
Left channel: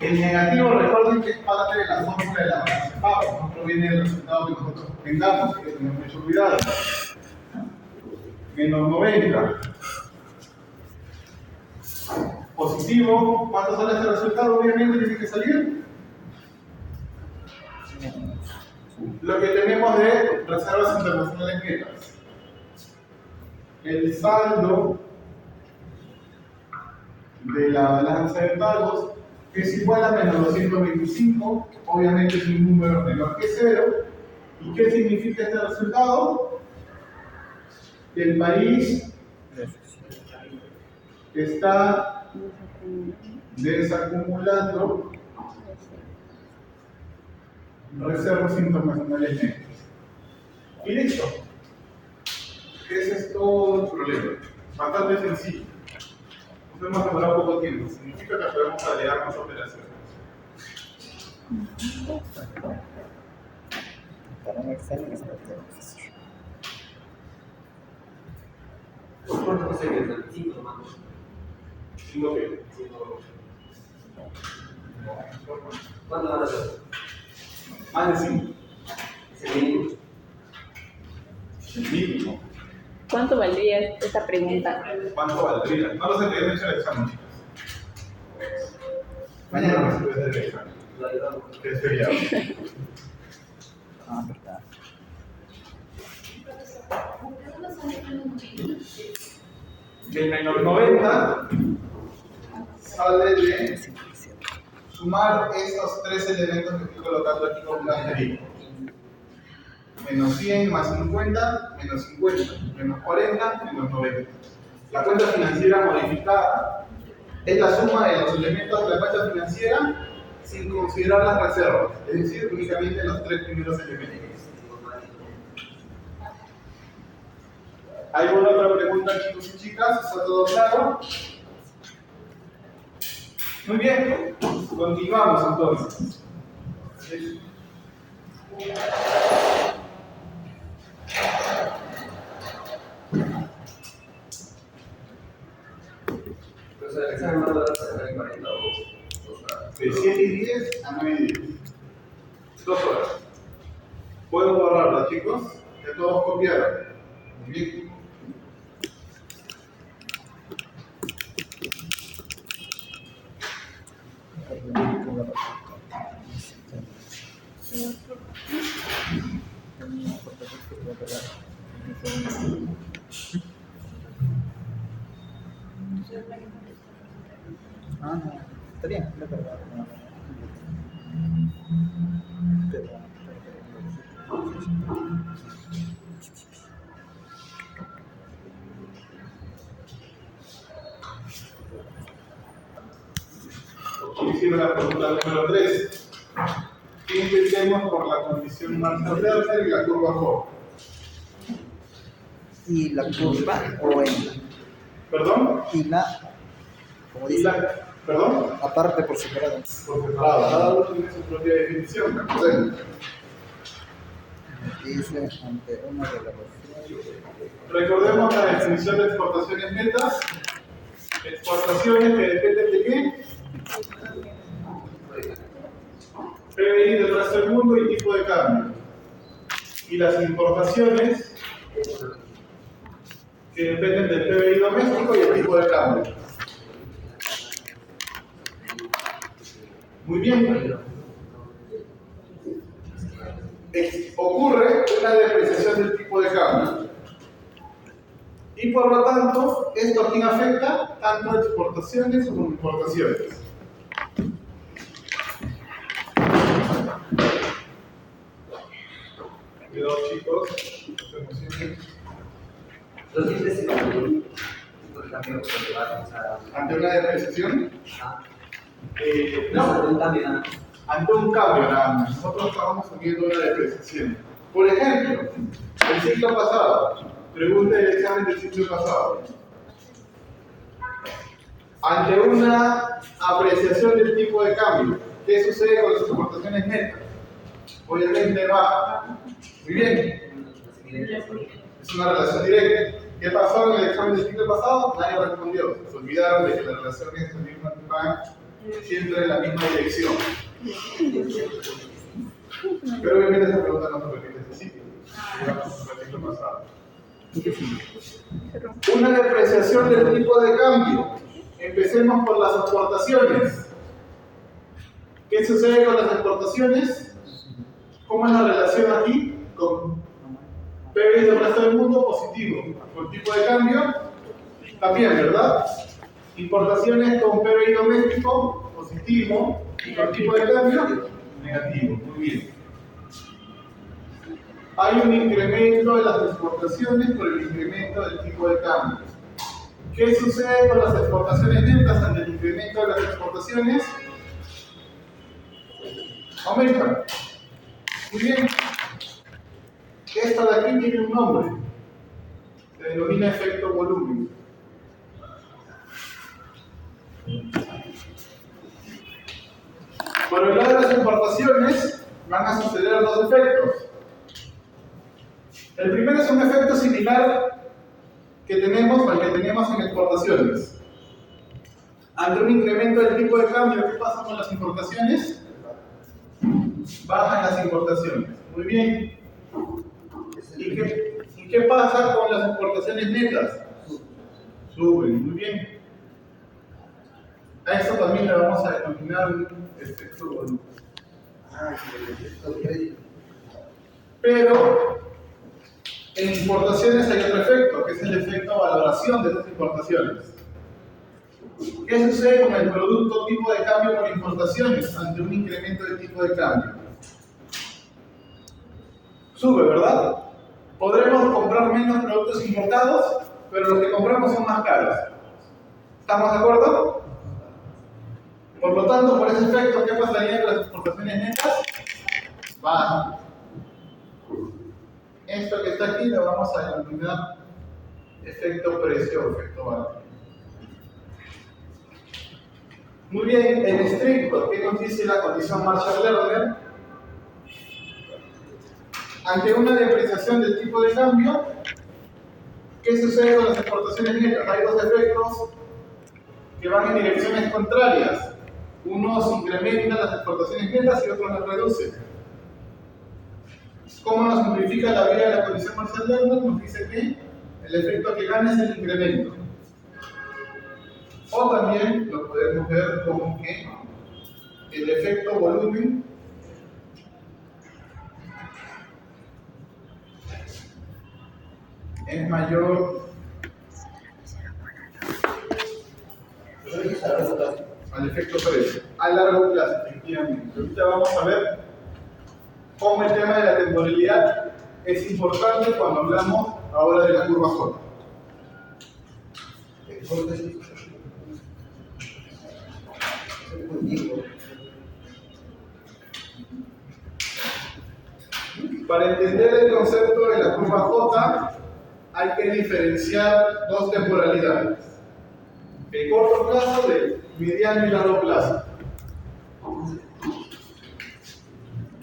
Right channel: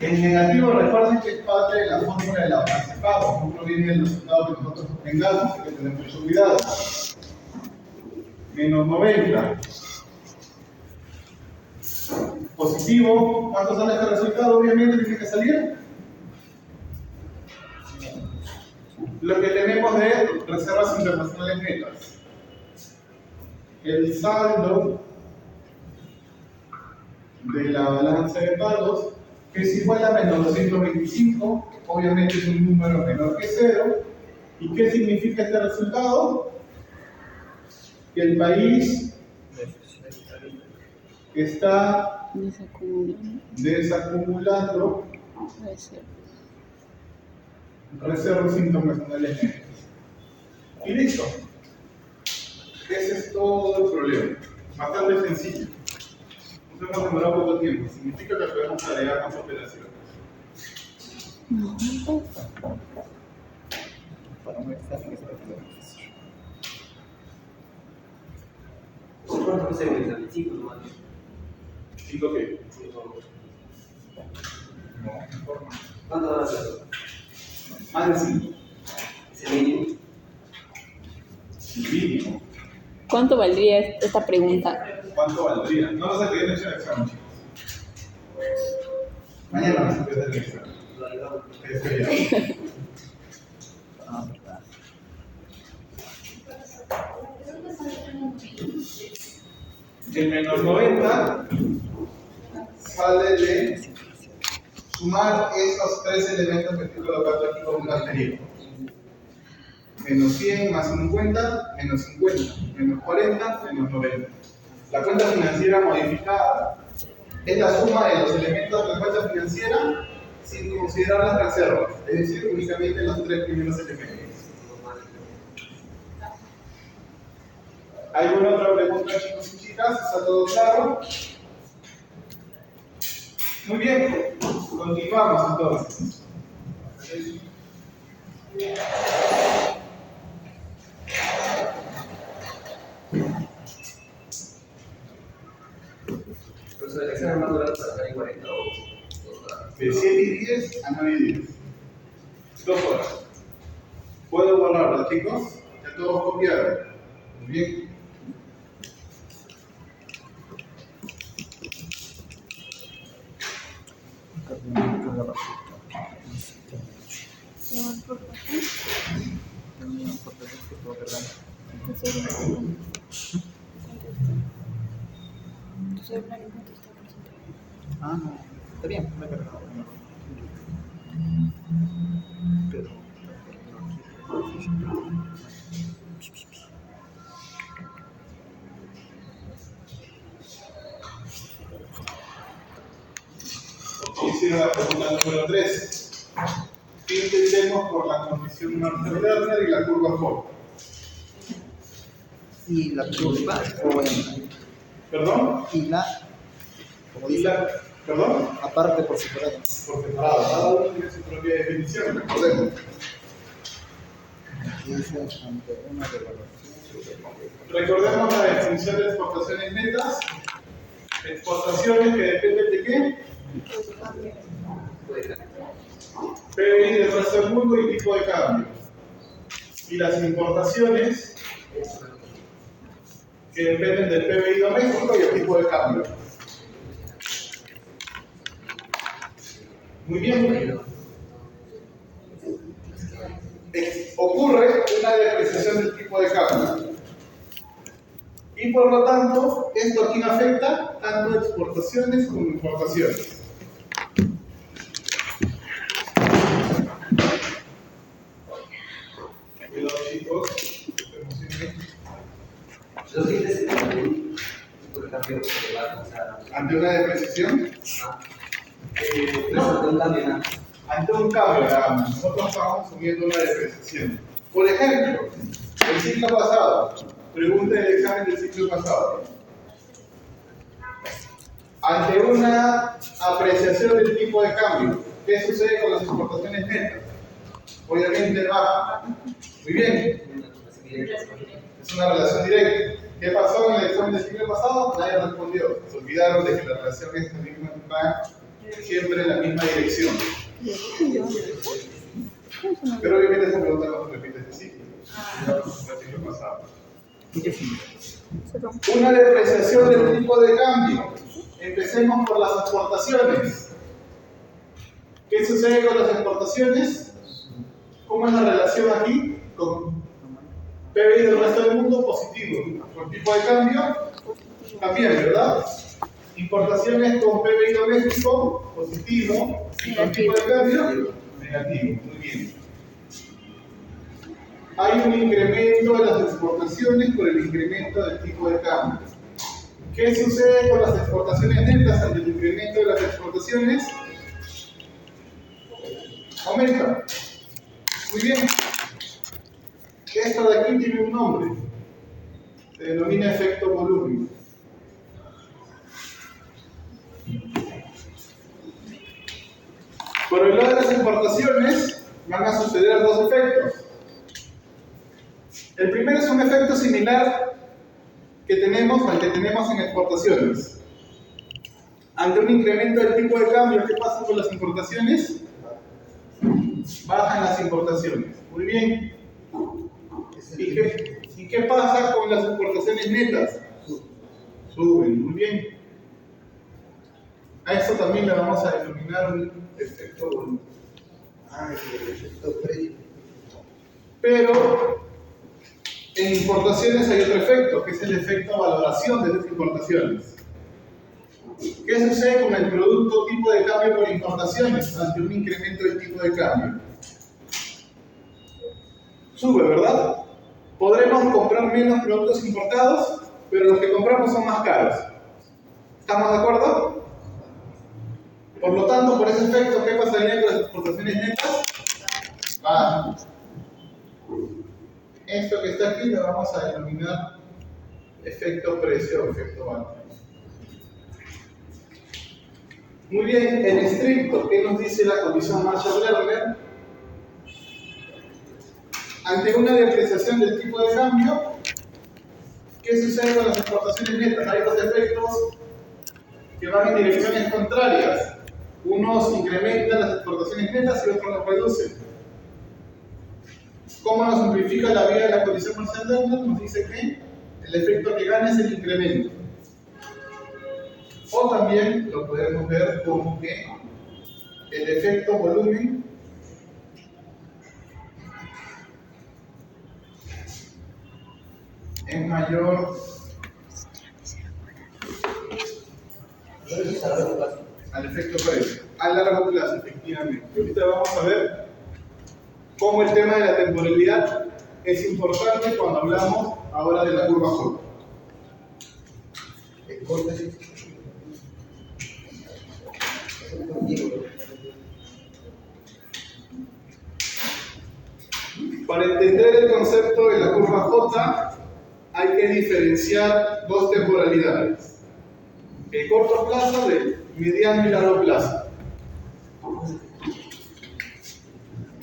El negativo, recuerden que es parte de la fórmula de la balanza de pagos, no proviene del resultado que nosotros tengamos, hay que tener mucho cuidado. Menos 90. Positivo, ¿cuánto sale este resultado? Obviamente tiene que salir lo que tenemos de reservas internacionales netas. El saldo de la balanza de pagos es igual a menos 225, obviamente es un número menor que 0. ¿Y qué significa este resultado? Que el país está desacumulando reservas internacionales netas. Y listo. Ese es todo el problema. Bastante sencillo. Nos hemos demorado poco tiempo. Significa que podemos agregar más operaciones. Para un examen es perfecto. ¿Cuánto fue ese examen? 5 nomás. 5 qué? ¿Cuánto van a ser? Más de 5. ¿Cuánto valdría esta pregunta? ¿Cuánto valdría? No lo sé, te he hecho el examen, chicos. Mañana vamos a hacer el examen. Lo ayudamos. Que es feriado. Ah, verdad. El menos 90 sale de sumar esos tres elementos que estoy colocando aquí con un asterisco. Menos 100 más 50, menos 50, menos 40, menos 90. La cuenta financiera modificada es la suma de los elementos de la cuenta financiera sin considerar las reservas, es decir, únicamente los tres primeros elementos. ¿Alguna otra pregunta, chicos y chicas? ¿Está todo claro? Muy bien, continuamos entonces. Profesor, el examen más duro para dejar en 40 o 2 horas. De 7 y 10 a 9 y 10. 2 horas. ¿Puedo borrarla, chicos? Ya todos copiaron. Muy bien. Ah, no. Está bien, me he cargado. Pero. Hicieron la fórmula número 3. ¿Qué entendemos por la condición Marshall-Lerner y la curva Ford? Y la curva o en. ¿Perdón? Y la. Como ¿Y dice. ¿Perdón? Aparte por separado. Por separado. Cada uno tiene su propia definición, recordemos. Dice ante una relación. Recordemos la definición de exportaciones netas. Exportaciones que dependen de qué? PBI del resto del mundo y tipo de cambio. Y las importaciones que dependen del PBI doméstico y el tipo de cambio. Muy bien. Ocurre una depreciación del tipo de cambio. Y por lo tanto, esto aquí afecta tanto exportaciones como importaciones. Cuidado, chicos. Los límites por ejemplo, que vamos a. Ante una depreciación, No, no, ante un cambio nada. ante un cambio, nosotros estamos asumiendo una depreciación. Por ejemplo, el ciclo pasado, pregunta del examen del ciclo pasado. Ante una apreciación del tipo de cambio, ¿qué sucede con las exportaciones netas? Obviamente baja. Muy bien, es una relación directa. ¿Qué pasó en el examen del ciclo pasado? Nadie respondió. Se olvidaron de que la relación es la misma, siempre en la misma dirección. Pero obviamente esa pregunta no se repite este ciclo. Digamos, el ciclo pasado. Una depreciación del tipo de cambio. Empecemos por las exportaciones. ¿Qué sucede con las exportaciones? ¿Cómo es la relación aquí? Con PBI del resto del mundo positivo. Con tipo de cambio también, ¿verdad? Importaciones con PBI doméstico positivo y con tipo de cambio negativo. Muy bien. Hay un incremento de las exportaciones por el incremento del tipo de cambio. ¿Qué sucede con las exportaciones netas ante el incremento de las exportaciones? Aumenta. Muy bien. Esto de aquí tiene un nombre. Se denomina efecto volumen. Por el lado de las importaciones van a suceder dos efectos. El primero es un efecto similar que tenemos al que tenemos en exportaciones. Ante un incremento del tipo de cambio, ¿qué pasa con las importaciones? Bajan las importaciones. Muy bien. ¿Y qué pasa con las exportaciones netas? Suben, muy bien. A esto también le vamos a denominar un efecto volumen. Ah, sí, el efecto precio. Pero en importaciones hay otro efecto, que es el efecto valoración de esas importaciones. ¿Qué sucede con el producto tipo de cambio por importaciones ante un incremento del tipo de cambio? Sube, ¿verdad? Podremos comprar menos productos importados, pero los que compramos son más caros. ¿Estamos de acuerdo? Por lo tanto, por ese efecto, ¿qué pasaría con las exportaciones netas? Bajan. Esto que está aquí lo vamos a denominar efecto precio o efecto valor. Muy bien, en estricto, ¿qué nos dice la condición Marshall-Lerner? Ante una depreciación del tipo de cambio, ¿qué sucede con las exportaciones netas? Hay dos efectos que van en direcciones contrarias. Unos incrementan las exportaciones netas y otros las reducen. ¿Cómo nos simplifica la vía de la condición Marshall-Lerner? Nos dice que el efecto que gana es el incremento. O también lo podemos ver como que el efecto volumen es mayor al efecto precio, a largo plazo, efectivamente. Ahorita vamos a ver cómo el tema de la temporalidad es importante cuando hablamos ahora de la curva J. Para entender el concepto de la curva J, hay que diferenciar dos temporalidades: el corto plazo del mediano y largo plazo.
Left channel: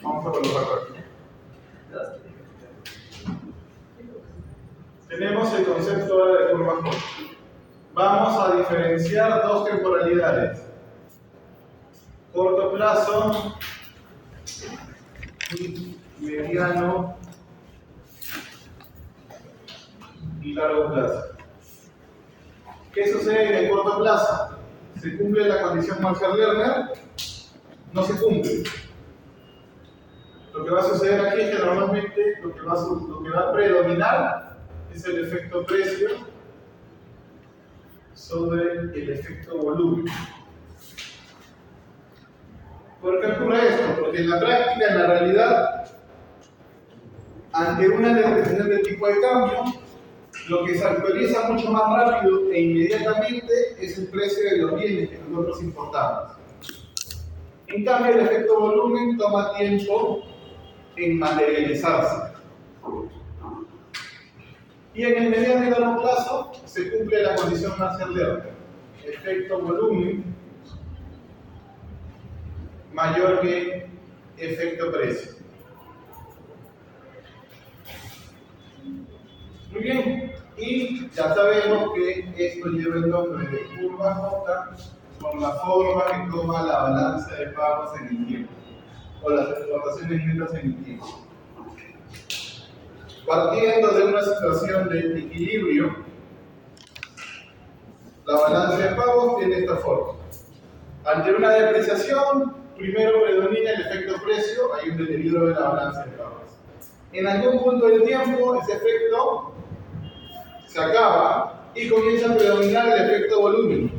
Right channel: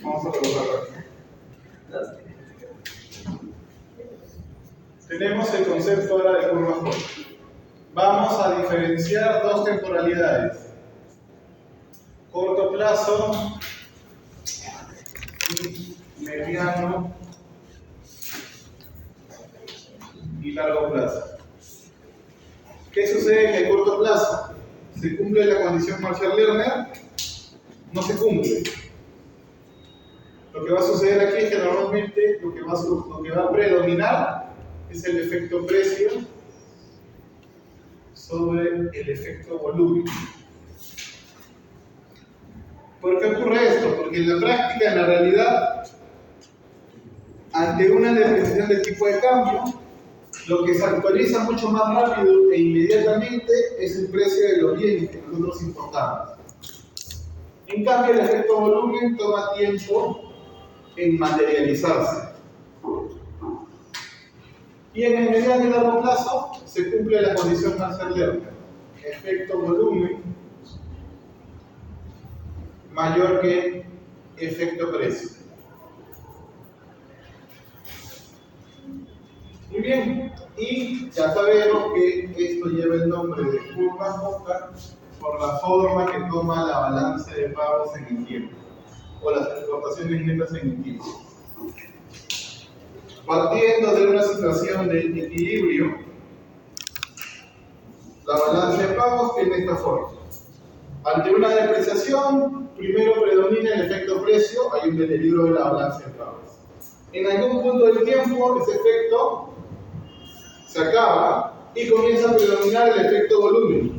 Vamos a colocarlo aquí. Tenemos el concepto ahora de curva J. Vamos a diferenciar dos temporalidades: corto plazo y mediano y largo plazo. ¿Qué sucede en el corto plazo? ¿Se cumple la condición Marshall-Lerner? No se cumple. Lo que va a suceder aquí es que normalmente lo que va a predominar es el efecto precio sobre el efecto volumen. ¿Por qué ocurre esto? Porque en la práctica, en la realidad, ante una depreciación del tipo de cambio, lo que se actualiza mucho más rápido e inmediatamente es el precio de los bienes que nosotros importamos. En cambio, el efecto volumen toma tiempo en materializarse. Y en el mediano y largo plazo se cumple la condición Marshall-Lerner. Efecto volumen mayor que efecto precio. Muy bien, y ya sabemos que esto lleva el nombre de curva J por la forma que toma la balanza de pagos en el tiempo, o las exportaciones netas en el tiempo. Partiendo de una situación de equilibrio, la balanza de pagos tiene esta forma. Ante una depreciación, primero predomina el efecto precio, hay un deterioro de la balanza de pagos. En algún punto del tiempo, ese efecto se acaba y comienza a predominar el efecto volumen.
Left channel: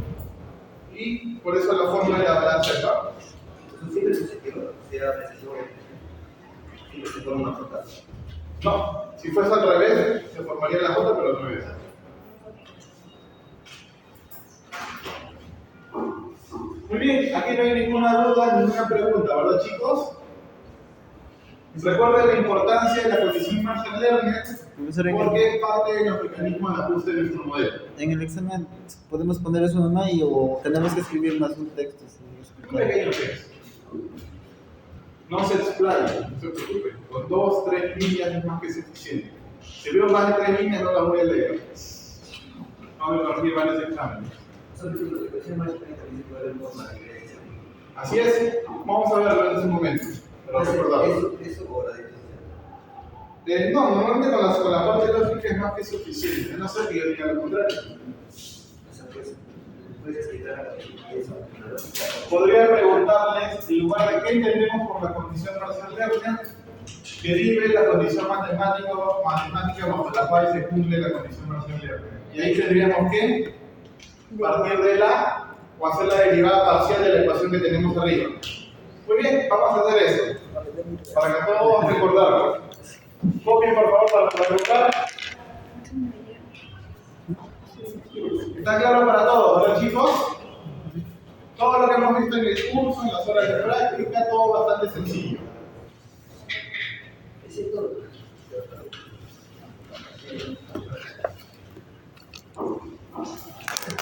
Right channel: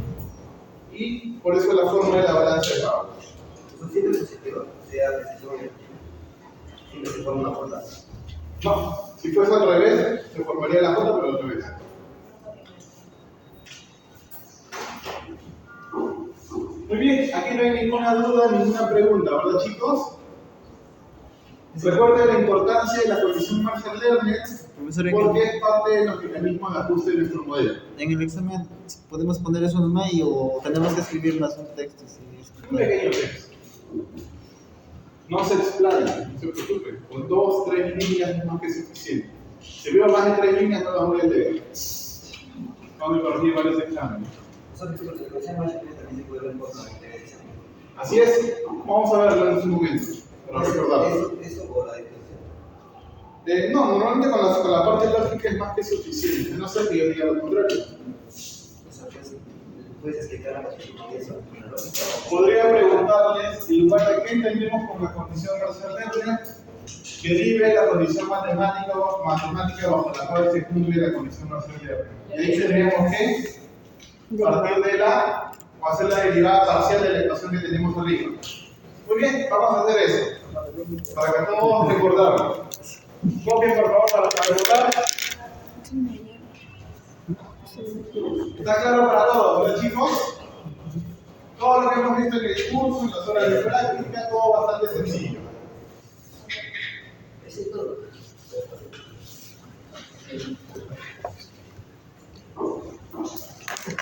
Y por eso la forma de la balanza de pagos. Eso siempre es positivo, sea precisión, siempre se forma una J. No, si fuese al revés, se formaría la J, pero al revés. Muy bien, aquí no hay ninguna duda, ninguna pregunta, ¿verdad, chicos? Recuerden la importancia de la condición Marshall-Lerner porque es parte de los mecanismos de ajuste de nuestro modelo. En el examen podemos poner eso nomás o tenemos que escribir más un texto. Un pequeño texto. No se explaye, no se preocupen. Con 2, 3 líneas es más que suficiente. Si veo más de 3 líneas no las voy a leer. Vamos a corregir varios exámenes. Así es, vamos a verlo en un momento. Pero recordamos. ¿Eso o la definición? No, normalmente con la parte lógica es más que suficiente, a no ser que yo diga lo contrario. O sea, pues, ¿puedes explicar eso? ¿La lógica? Podría preguntarles, en lugar de qué entendemos por la condición Marshall-Lerner, derive la condición matemática bajo la cual se cumple la condición Marshall-Lerner. Y ahí tendríamos que partir de o hacer la derivada parcial de la ecuación que tenemos arriba. Muy bien, vamos a hacer eso, para que todos recordarlo. Copien por favor para preguntar. ¿Está claro para todos, verdad, chicos? Todo lo que hemos visto en el curso, en las horas de práctica, todo bastante sencillo. Eso es todo.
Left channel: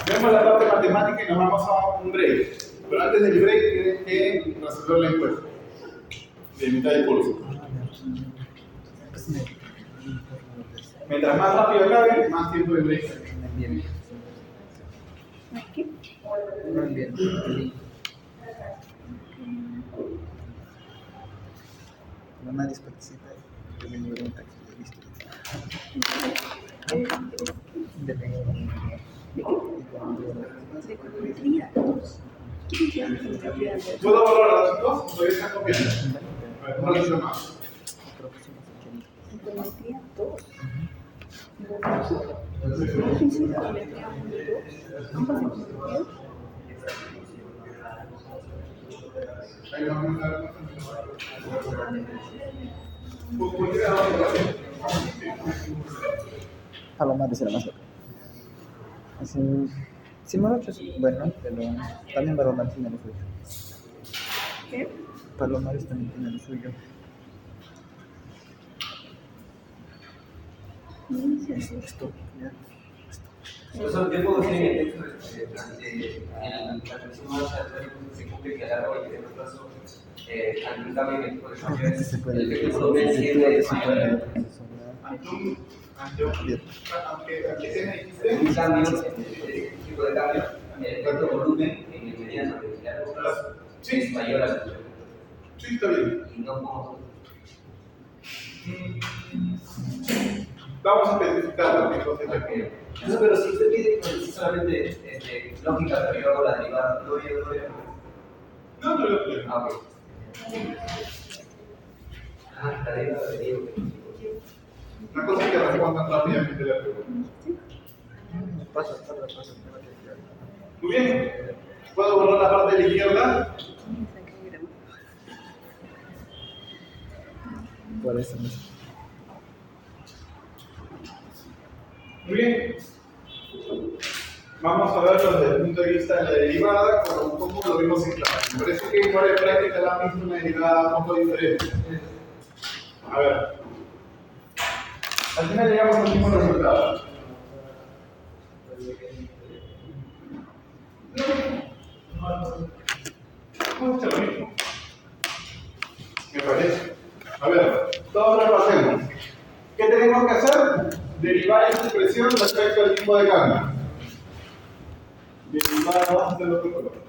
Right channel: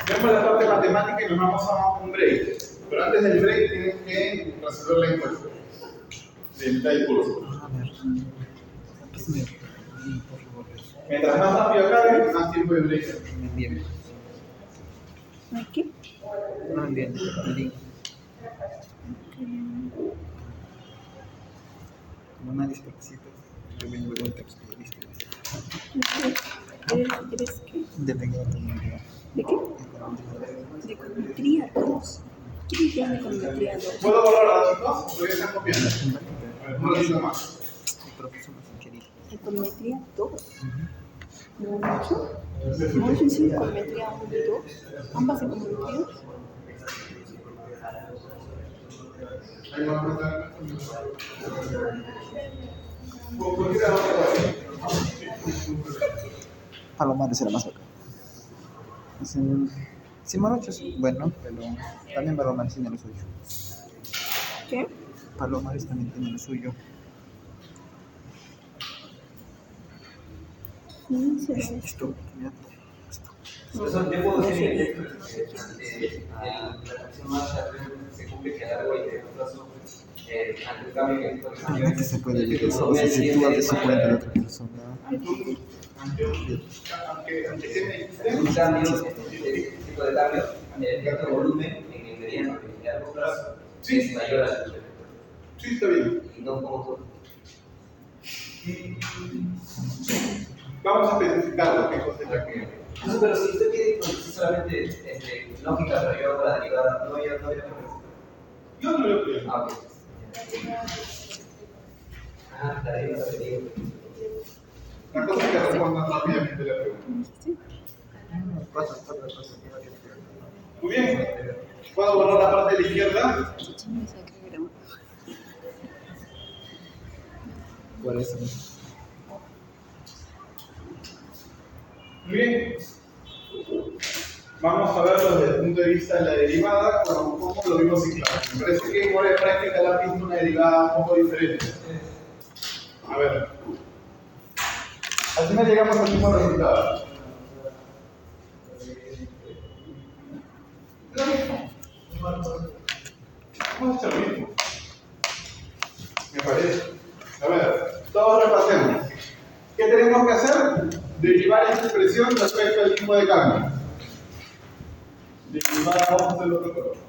Vemos la parte matemática y nos vamos a un break. Pero antes del break tienen que resolver la encuesta de mitad del curso. Mientras más rápido acabe, más tiempo de break. ¿Aquí? No envíen el link. Como nadie participa, yo vengo de un texto y listo. ¿Eres qué? Depende de la comunidad. ¿De qué? De econometría 2. ¿Qué dices de econometría 2? ¿Puedo borrar, chicos? Todavía están copiando. A ver, un poquito más. El profesor más querido. Econometría 2. ¿No es en serio econometría 1 y 2? ¿Ambas econometrías? Ahí vamos a ver. ¿Por qué vamos a ver? Palomares era más bacán. Simorocho es bueno, pero también Palomares tiene lo suyo. ¿Qué? Palomares también tiene lo suyo. Sí, Esto, ya, esto. Profesor, yo puedo decir en el texto la condición Marshall se cumple que a largo y de plazo ante un cambio que por ejemplo Que se puede el ver, efecto se sitúa de 50 de volumen otra persona. Ante qué me dijiste. un cambio, este tipo de cambio, el efecto volumen en el mediano y largo plazo es mayor a su efecto. Sí, está bien. Y no como todo. Vamos a especificarlo, qué cosa es la que. Eso, pero si usted quiere decir solamente lógica, pero yo hago la derivada, no voy a poner. No, no lo quiero. Ah, ok. Ajá, la derivada de Diego. La cosa es que respondan rápidamente la pregunta. Pasa. Muy bien. ¿Puedo borrar la parte de la izquierda? Por eso mismo. Muy bien. Vamos a verlo desde el punto de vista de la derivada, como lo vimos en clase. Me parece que en hora de práctica la han visto una derivada un poco diferente. A ver. Al final llegamos al mismo resultado. Lo mismo. Vamos a hacer lo mismo. Me parece. A ver, todos repasemos. ¿Qué tenemos que hacer? Derivar esta expresión respecto al tipo de cambio. Derivar, vamos a hacer otro color.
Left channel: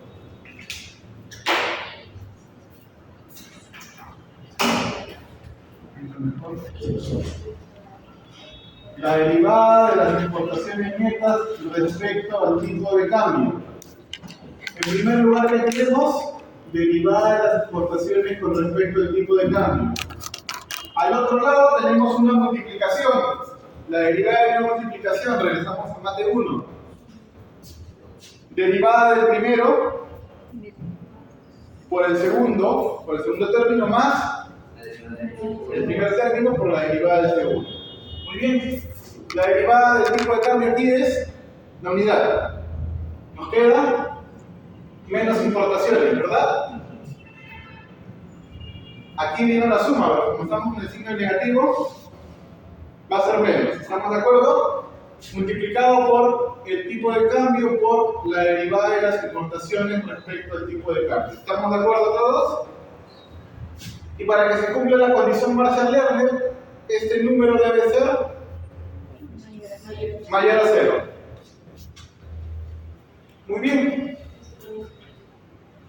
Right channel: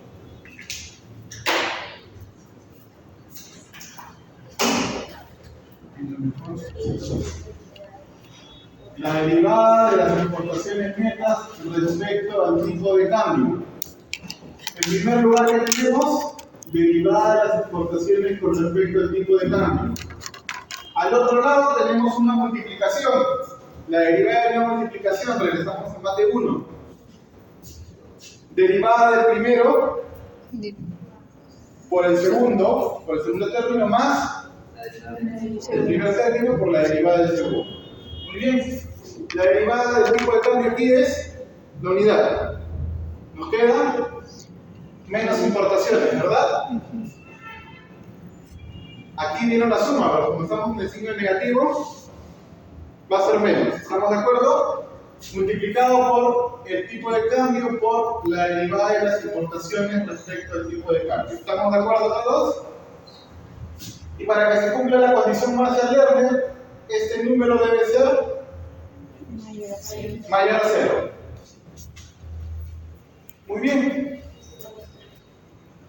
La derivada de las exportaciones netas respecto al tipo de cambio. En primer lugar, ¿qué tenemos? Derivada de las exportaciones con respecto al tipo de cambio. Al otro lado tenemos una multiplicación. La derivada de una multiplicación, regresamos a mate 1. Derivada del primero por el segundo término más el primer término por la derivada del segundo. Muy bien. La derivada del tipo de cambio aquí es la unidad. Nos queda menos importaciones, ¿verdad? Aquí viene una suma, pero como estamos en el signo negativo, va a ser menos. ¿Estamos de acuerdo? Multiplicado por el tipo de cambio por la derivada de las importaciones respecto al tipo de cambio. ¿Estamos de acuerdo todos? Y para que se cumpla la condición Marshall-Lerner, este número debe ser mayor a 0. Muy bien.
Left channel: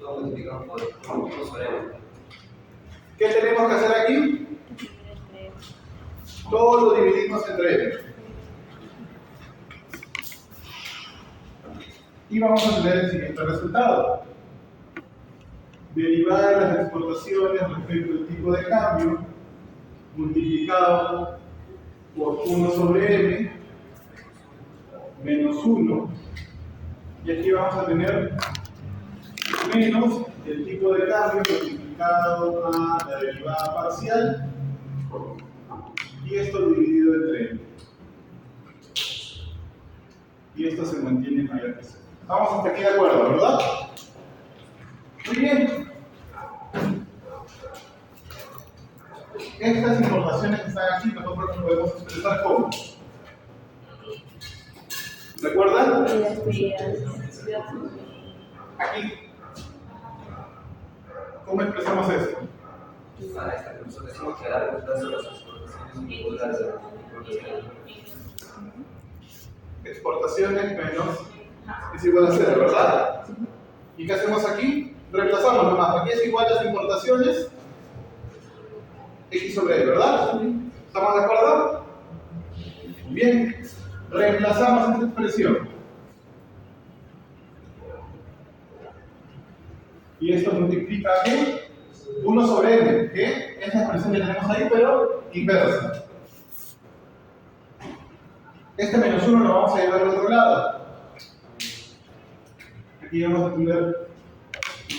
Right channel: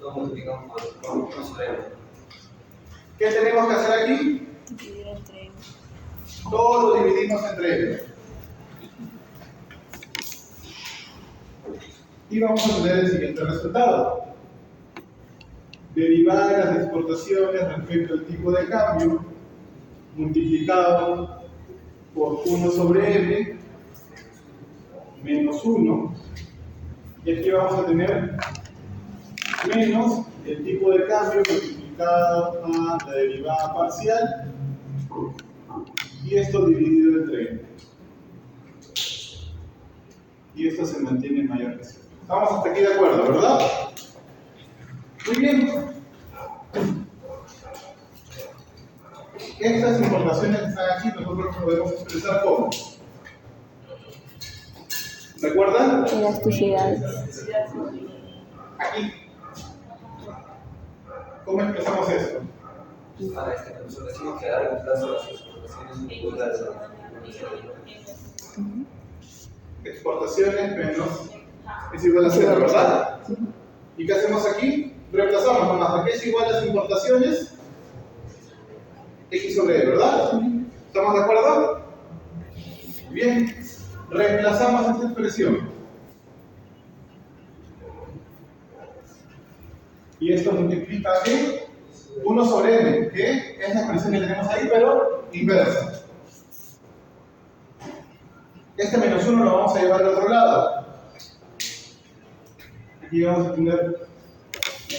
Lo multiplicamos por 1 sobre 1. ¿Qué tenemos que hacer aquí? Todo lo dividimos entre n. Y vamos a tener el siguiente resultado. Derivada de las exportaciones respecto al tipo de cambio multiplicado por 1 sobre m menos 1. Y aquí vamos a tener menos el tipo de cambio multiplicado a la derivada parcial y esto dividido entre n. Y esto se mantiene mayor que 0. Estamos hasta aquí de acuerdo, ¿verdad? Muy bien. Estas importaciones que están aquí nosotros podemos expresar como. ¿Recuerdan? Elasticidades. Aquí. ¿Cómo expresamos esto? Para esta nosotros decimos que a largo plazo las exportaciones son iguales a las Exportaciones menos es igual a 0, ¿verdad? ¿Y qué hacemos aquí? Reemplazamos nomás. Aquí es igual a las importaciones x sobre e, ¿verdad? ¿Estamos de acuerdo? Muy bien. Reemplazamos esta expresión. Y esto multiplica ¿qué? 1 sobre m, que es la expresión que tenemos ahí, pero inversa. Este menos 1 lo vamos a llevar al otro lado. Aquí vamos a tener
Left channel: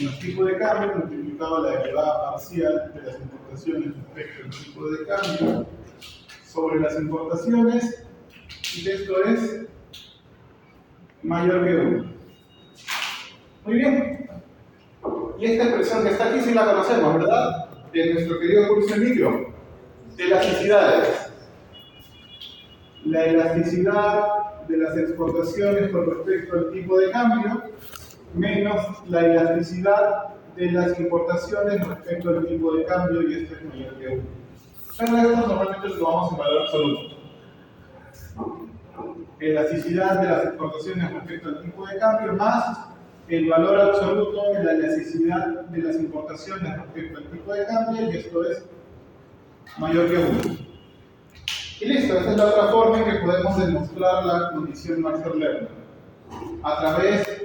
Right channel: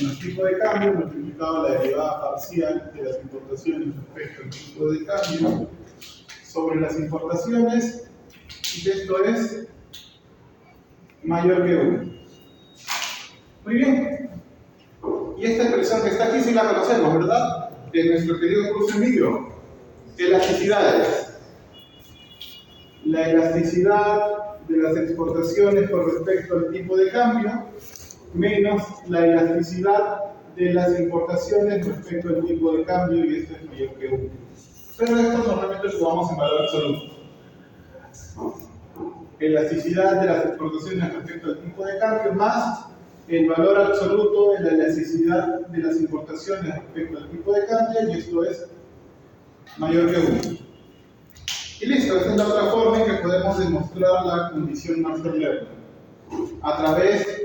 menos tipo de cambio multiplicado la derivada parcial de las importaciones respecto al tipo de cambio sobre las importaciones, y esto es mayor que 1. Muy bien. Y esta expresión que está aquí sí la conocemos, ¿verdad? De nuestro querido curso en micro. Elasticidades. La elasticidad de las exportaciones con respecto al tipo de cambio menos la elasticidad de las importaciones respecto al tipo de cambio, y esto es mayor que 1. Pero esto normalmente lo tomamos en valor absoluto. Elasticidad de las exportaciones respecto al tipo de cambio más el valor absoluto de la elasticidad de las importaciones respecto al tipo de cambio, y esto es mayor que 1. Y listo, esta es la otra forma en que podemos demostrar la condición Marshall-Lerner, a través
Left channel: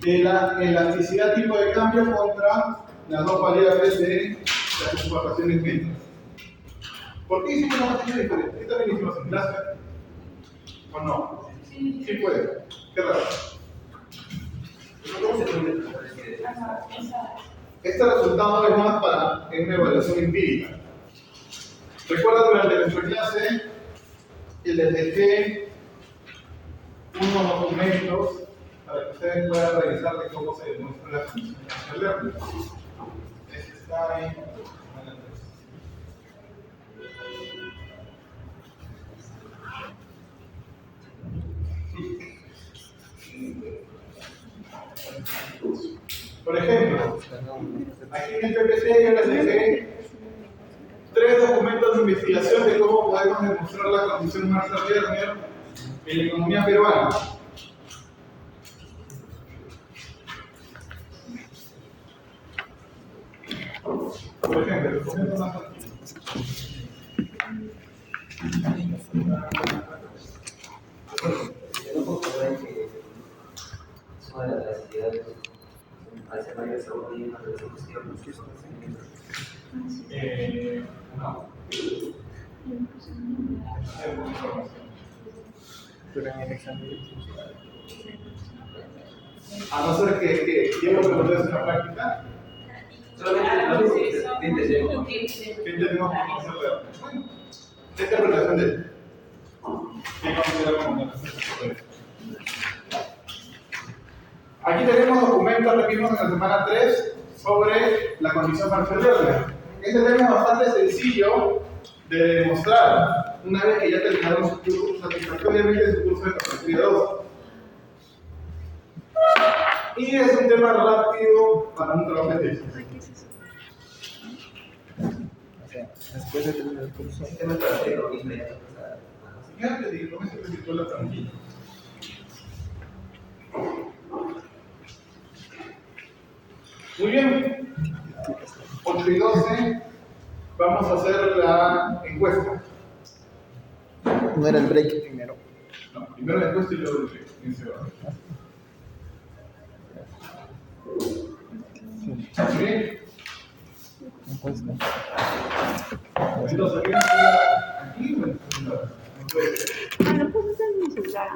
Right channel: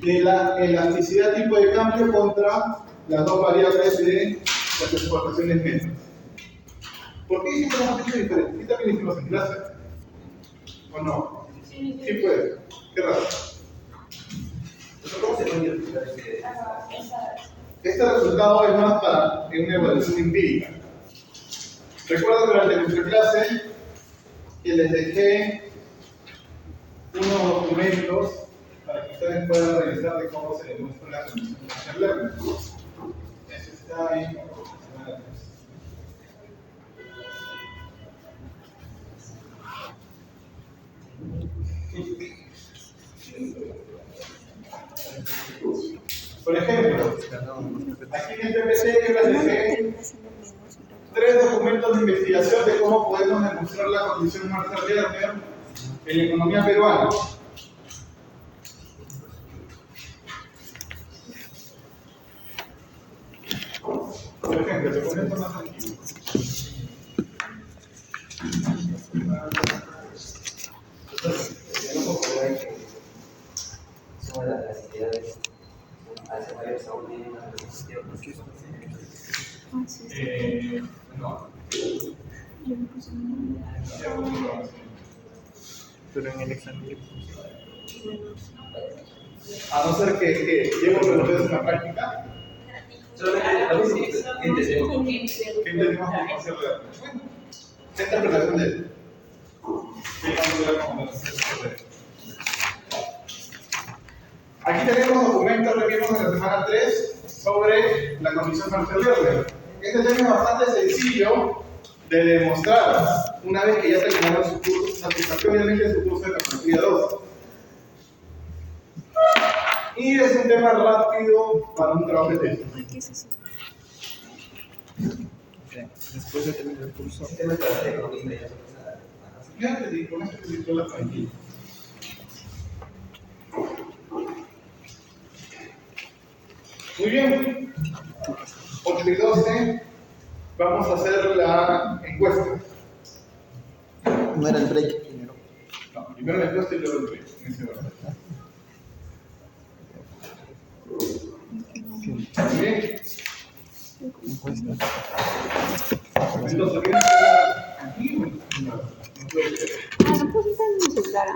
de la elasticidad tipo de cambio contra las dos variables de las exportaciones netas. ¿Por qué hicimos una cosa diferente? ¿Sí también hicimos en clase? ¿O no? Sí puede. Qué raro. ¿Cómo se puede interpretar Este resultado es más para una evaluación empírica. Recuerda durante nuestra clase que les dejé unos documentos para que ustedes puedan revisar de cómo se demuestra la condición de Marshall-Lerner. Este está ahí. Por ejemplo, aquí en el PPT yo les dejé 3 documentos de investigación de cómo podemos demostrar la condición Marshall-Lerner en la economía peruana. Por ejemplo, el documento más antiguo. Suma de las elasticidades al ser mayores a 1 y más de 0. Ah, sí. No. Yo no puse nada. Pero en el examen. A no ser que yo lo pregunté en la práctica, Solamente lo mismo que entendemos. ¿qué entendemos por Marshall-Lerner? Bueno, esta es la relación de él. Digamos que la comunicación. Aquí tenemos documentos que vimos en la semana 3 sobre la condición Marshall-Lerner. Este tema es bastante sencillo de demostrar una vez que ya terminaron su curso, satisfactoriamente su curso de carpintería 2. Y es un tema rápido para un trabajo de tesis. ¿Qué es eso? Después de terminar el curso. El tema es para ser economista ya. Ya te digo, con esto te digo la tranquila. Muy bien. 8 y 12. Vamos a hacer la encuesta. No era el break primero. No, primero la encuesta y luego el break, en ese orden. Sí, Bien. encuesta. Entonces, ¿qué es aquí? No puede ser. Ah, no puedo usar mi celular.